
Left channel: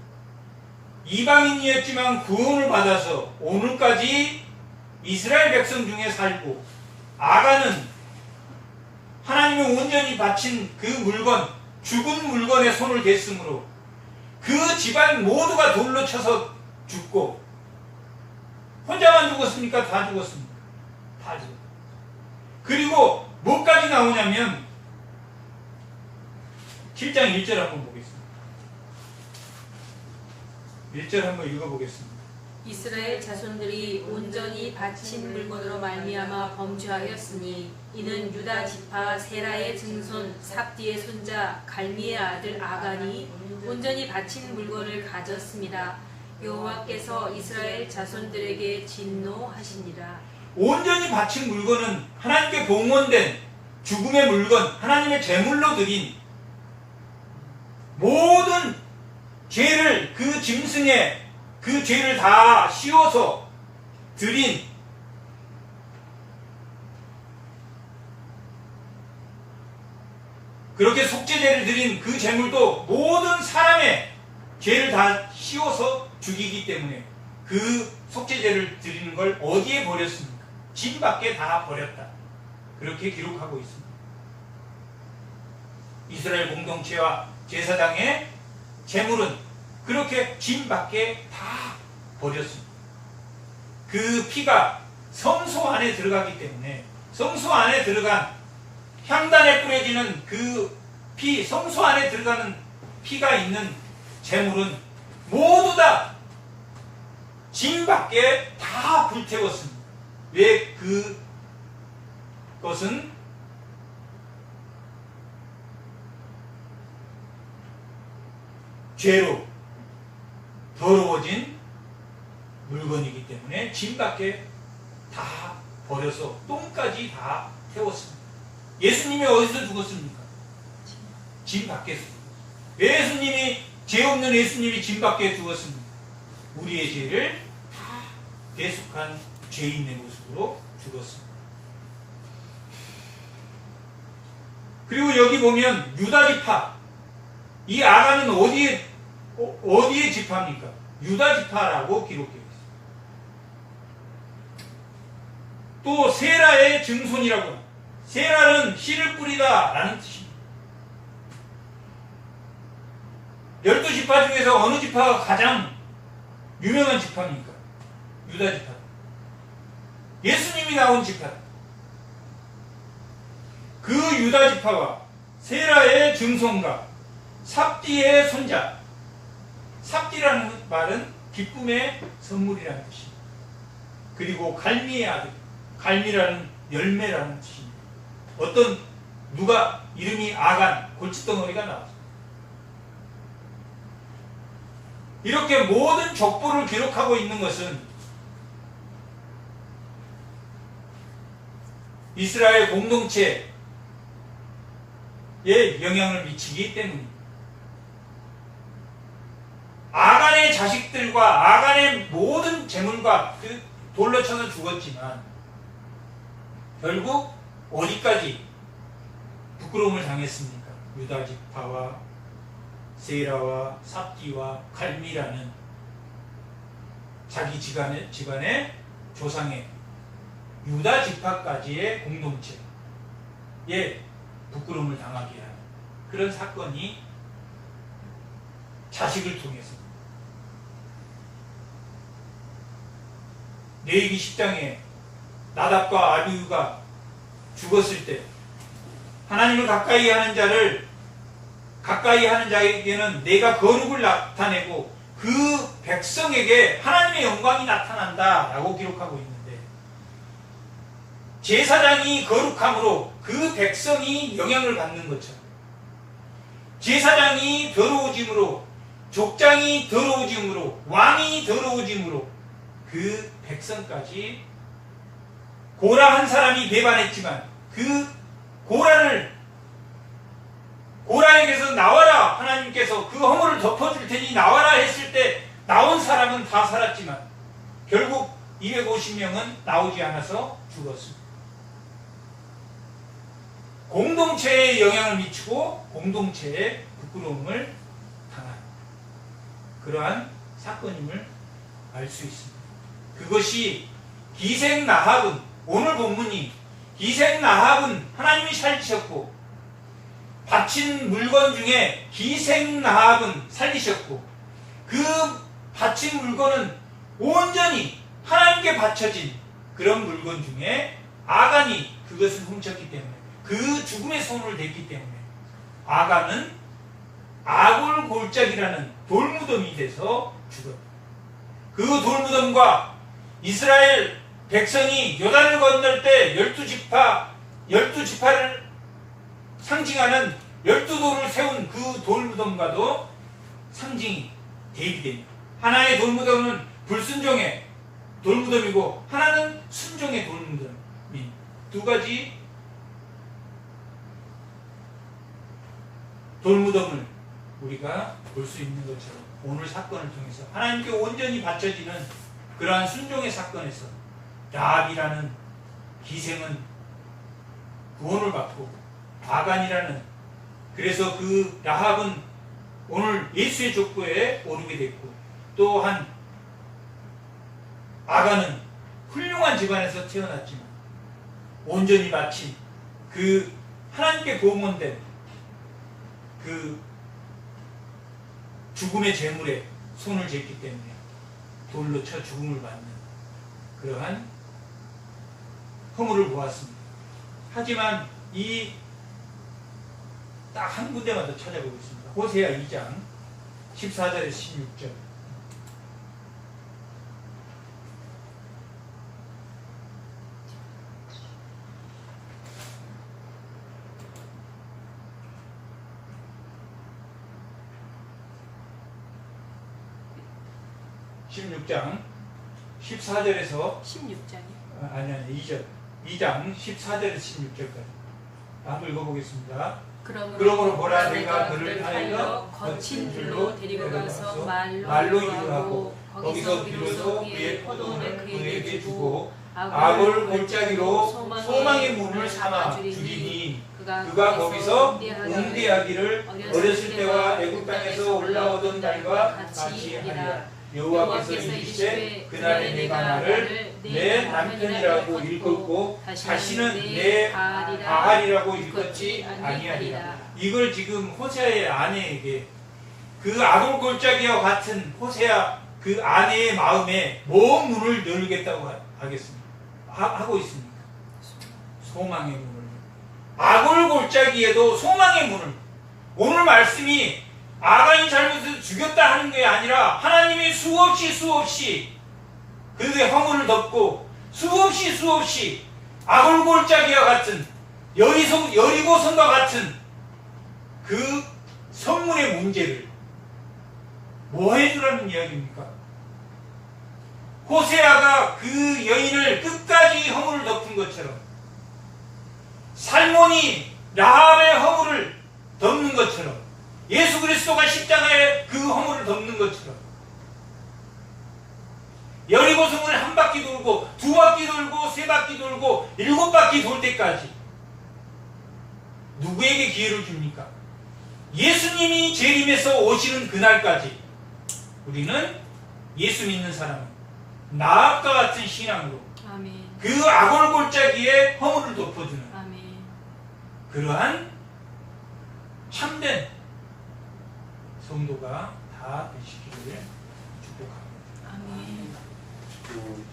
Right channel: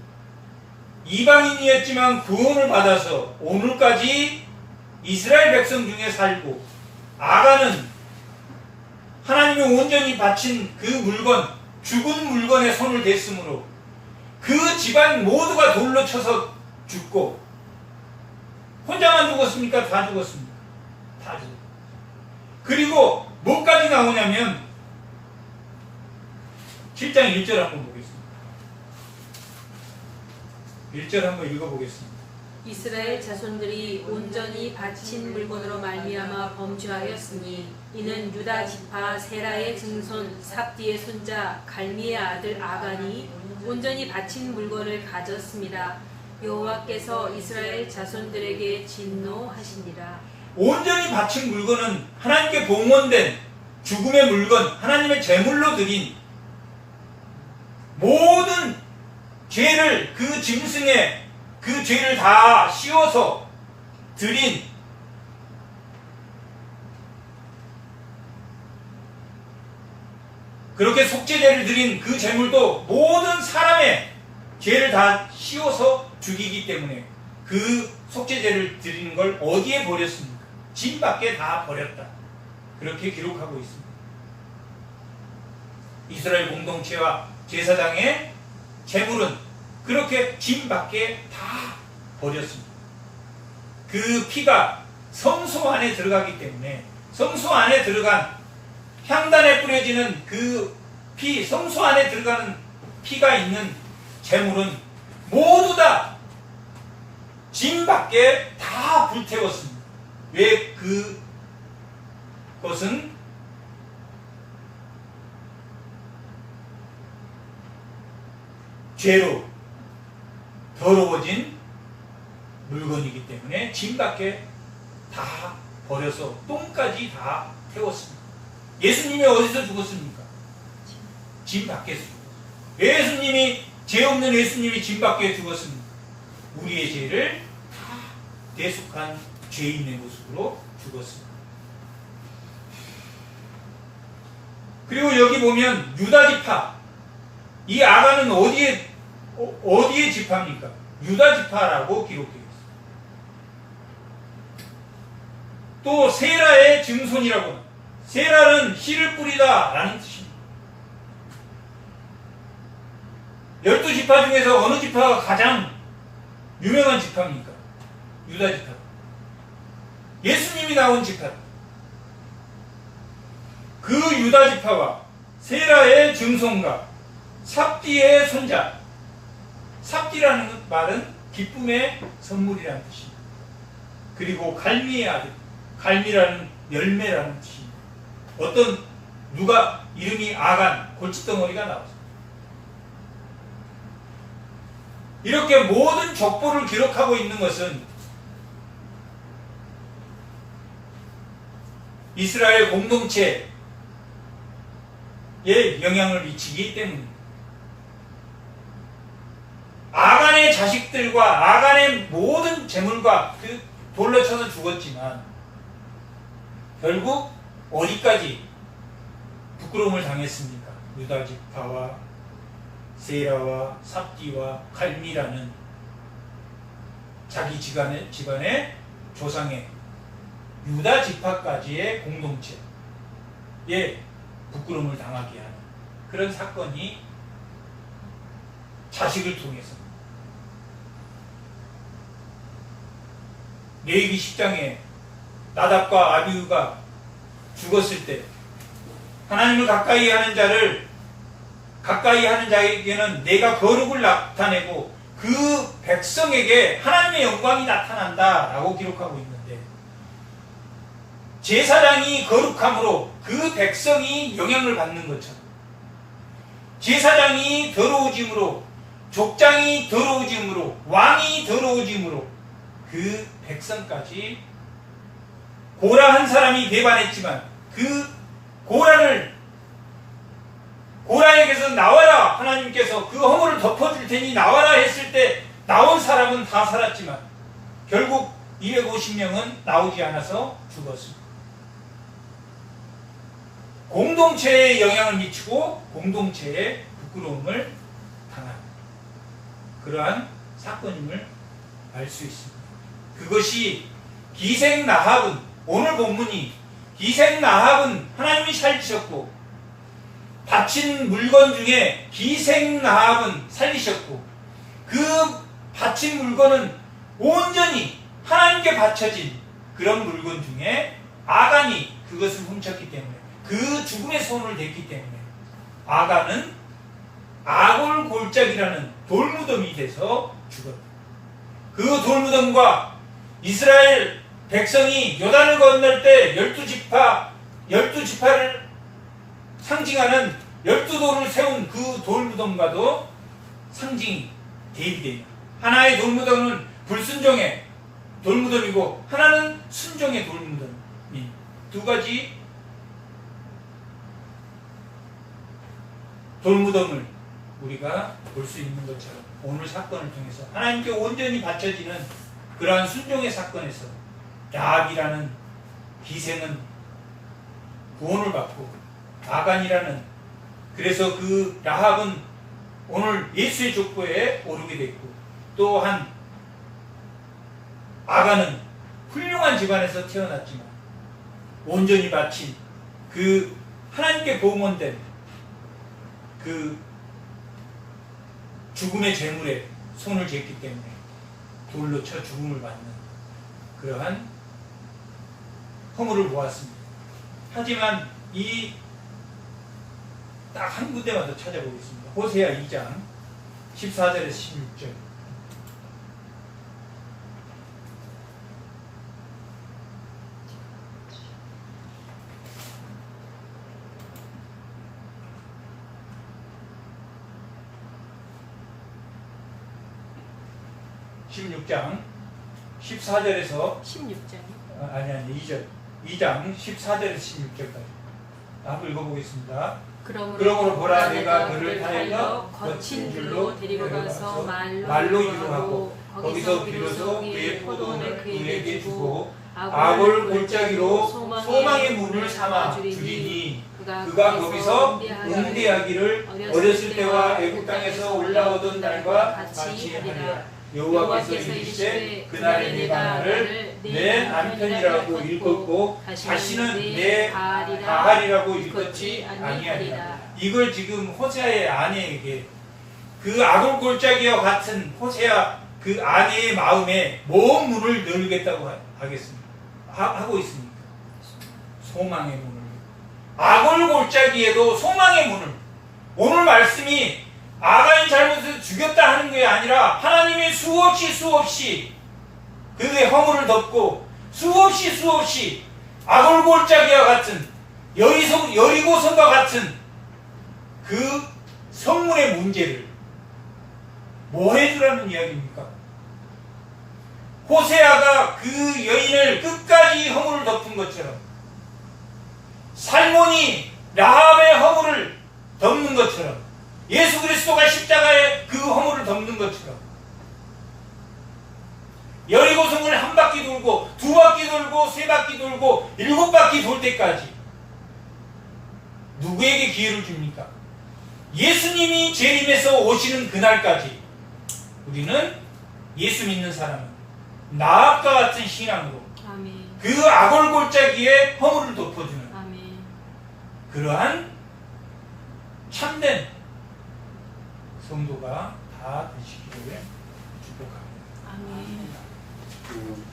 이방인이었지만 구원을 받아서 오늘까지 이스라엘 백성 중에 살고, 아간은 하나님이 온전히 바친 그 물건, 죽은 물건에 손을 댔으므로 그 집안 모두가 돌로 쳐서 죽고, 혼자만 죽었습니까? 다 죽었습니까? 다 죽었습니다. 그리고 뭐까지 나오냐면 7장 1절 한번 보겠습니다. 1절 한번 읽어보겠습니다. 이스라엘 자손들이 온전히 바친 물건으로 말미암아 범죄하였으니 이는 유다 지파 세라의 증손 삽디의 손자 갈미의 아들 아간이 온전히 바친 물건을 가졌습니다. 여호와께서 이스라엘 자손들에게 진노하시니라. 온전히 바친 물건은 하나님께 봉헌된 죽음의 물건, 하나님의 제물로 드린 모든 죄를, 그 짐승에 그 죄를 다 씌워서 드린 그렇게 속죄제를 드린 그 제물도 모든 사람의 죄를 다 씌워서 죽이기 때문에 그 속죄제를 드리는 걸 어디에 버렸습니까? 진 밖에 다 버렸다. 그렇게 기록하고 있습니다. 이스라엘 공동체와 제사장의 제물은 그렇게 진 밖에 다 버렸습니다. 그 피가 성소 안에 들어가기 때문에 성소 안에 들어간 향단에 뿌려지는 그 피, 성소 안에 들어가는 피가 있는 제물은 모두 다 진 밖에 다 불태웠습니다. 왜 그것은 죄로 더러워진 물건이기 때문에 진 밖에 다 버려서 똥까지 다 태웠습니다. 예수님이 어디서 죽었습니까? 진 밖에서 죽었습니다. 왜 예수님이, 죄 없는 예수님이 진 밖에 죽었습니까? 우리의 죄를 다 대속한 죄인의 모습으로 죽었습니다. 그리고 여기 보면 유다지파, 이 아가는 어디에 지파입니까? 유다지파라고 기록되어 있습니다. 또 세라의 증손이라고 합니다. 세라는 씨를 뿌리다 라는 뜻입니다. 12지파 중에서 어느 지파가 가장 유명한 지파입니까? 유다지파. 예수님이 나온 지파. 그 유다지파와 세라의 증손과 삽디의 손자. 삽디라는 말은 기쁨의 선물이라는 뜻입니다. 그리고 갈미의 아들. 갈미라는 열매라는 뜻입니다. 누가 이름이 아간, 골칫덩어리가 나왔습니다. 이렇게 모든 족보를 기록하고 있는 것은 이스라엘 공동체에 영향을 미치기 때문입니다. 아간의 자식들과 아간의 모든 재물과 돌로 쳐서 죽었지만 결국 어디까지 부끄러움을 당했습니까? 유다지파와 세라와 삽디와 갈미라는 자기 집안의 조상의 유다지파까지의 공동체에 부끄러움을 당하게 하는 그런 사건이 자식을 통해서 레위기 10장에 나답과 아비후가 죽었을 때 하나님을 가까이 하는 자에게는 내가 거룩을 나타내고 그 백성에게 하나님의 영광이 나타난다라고 기록하고 있는데 제사장이 거룩함으로 그 백성이 영향을 받는 것처럼 제사장이 더러워짐으로 족장이 더러워짐으로 왕이 더러워짐으로 그 백성까지 고라 한 사람이 배반했지만 그 고라에게서 나와라 하나님께서 그 허물을 덮어줄 테니 나와라 했을 때 나온 사람은 다 살았지만 결국 250명은 나오지 않아서 죽었습니다. 공동체에 영향을 미치고 공동체에 부끄러움을 당한 그러한 사건임을 알 수 있습니다. 그것이 기생 라합은 오늘 본문이 기생 라합은 하나님이 살리셨고 바친 물건 중에 기생 라합은 살리셨고 그 바친 물건은 온전히 하나님께 바쳐진 그런 물건 중에 아간이 그것을 훔쳤기 때문에 그 죽음의 손을 댔기 때문에 아간은 아골골짜기라는 돌무덤이 돼서 죽었다. 그 돌무덤과 이스라엘 백성이 요단을 건널 때 12지파를 상징하는 12돌을 세운 그 돌무덤과도 상징이 대비됩니다. 하나의 돌무덤은 불순종의 돌무덤이고 하나는 순종의 돌무덤이 두 가지 돌무덤을 우리가 볼 수 있는 것처럼 오늘 사건을 통해서 하나님께 온전히 바쳐지는 그러한 순종의 사건에서 라합이라는 기생은 구원을 받고 아간이라는 그래서 그 라합은 오늘 예수의 족보에 오르게 됐고, 또한 아가는 훌륭한 집안에서 태어났지만 온전히 바친 그 하나님께 봉헌된 그 죽음의 제물에 손을 댔기 때문에 돌로 쳐 죽음을 받는 그러한 허물을 보았습니다. 하지만 이 딱 한 군데만 더 찾아보겠습니다. 호세아 2장 14절에서 16절. (16장) 14절에서 16장이 아니 2절 2장 14절에서 16절까지 한번 읽어보겠습니다. 그러므로 보라 내가 그를 타일러 거친 들로 데리고 가서 말로 유하고 거기서 비로소 그의 포도원을 그에게 주고 아골 골짜기로 소망의 문을 삼아 주리니 그가 거기서 응대하기를 어렸을 때와 애국 땅에서 올라오던 날과 같이 하리라. 여호와께서 이르시되 그날에 내가 나를 내 남편이라고 일컫고 다시는 내 바알이라고 일컫지 아니하리라. 이걸 지금 호세아의 아내에게 그 아골 골짜기와 같은 호세아 그 아내의 마음에 뭔 문을 열겠다고 하겠습니다. 하고 있습니다. 소망의 문을. 아골 골짜기에도 소망의 문을. 오늘 말씀이 아간이 잘못해서 죽였다 하는 게 아니라 하나님이 수없이 그의 허물을 덮고 수없이 아골 골짜기와 같은 여리고성과 같은 그 성문의 문제를 뭐 해주라는 이야기입니까? 호세아가 그 여인을 끝까지 허물을 덮은 것처럼 살몬이 라합의 허물을 덮는 것처럼 예수 그리스도가 십자가에 그 허물을 덮는 것처럼 여리고성을 한 바퀴 돌고 두 바퀴 돌고 세 바퀴 돌고 일곱 바퀴 돌 때까지 누구에게 기회를 줍니까? 예수님이 재림해서 오시는 그날까지 우리는 예수 믿는 사람은 나합과 같은 신앙으로 아멘. 그 아골 골짜기에 허물을 덮어주는 아멘. 그러한 참된 성도가 다 되시기를 축복합니다. 아멘. 그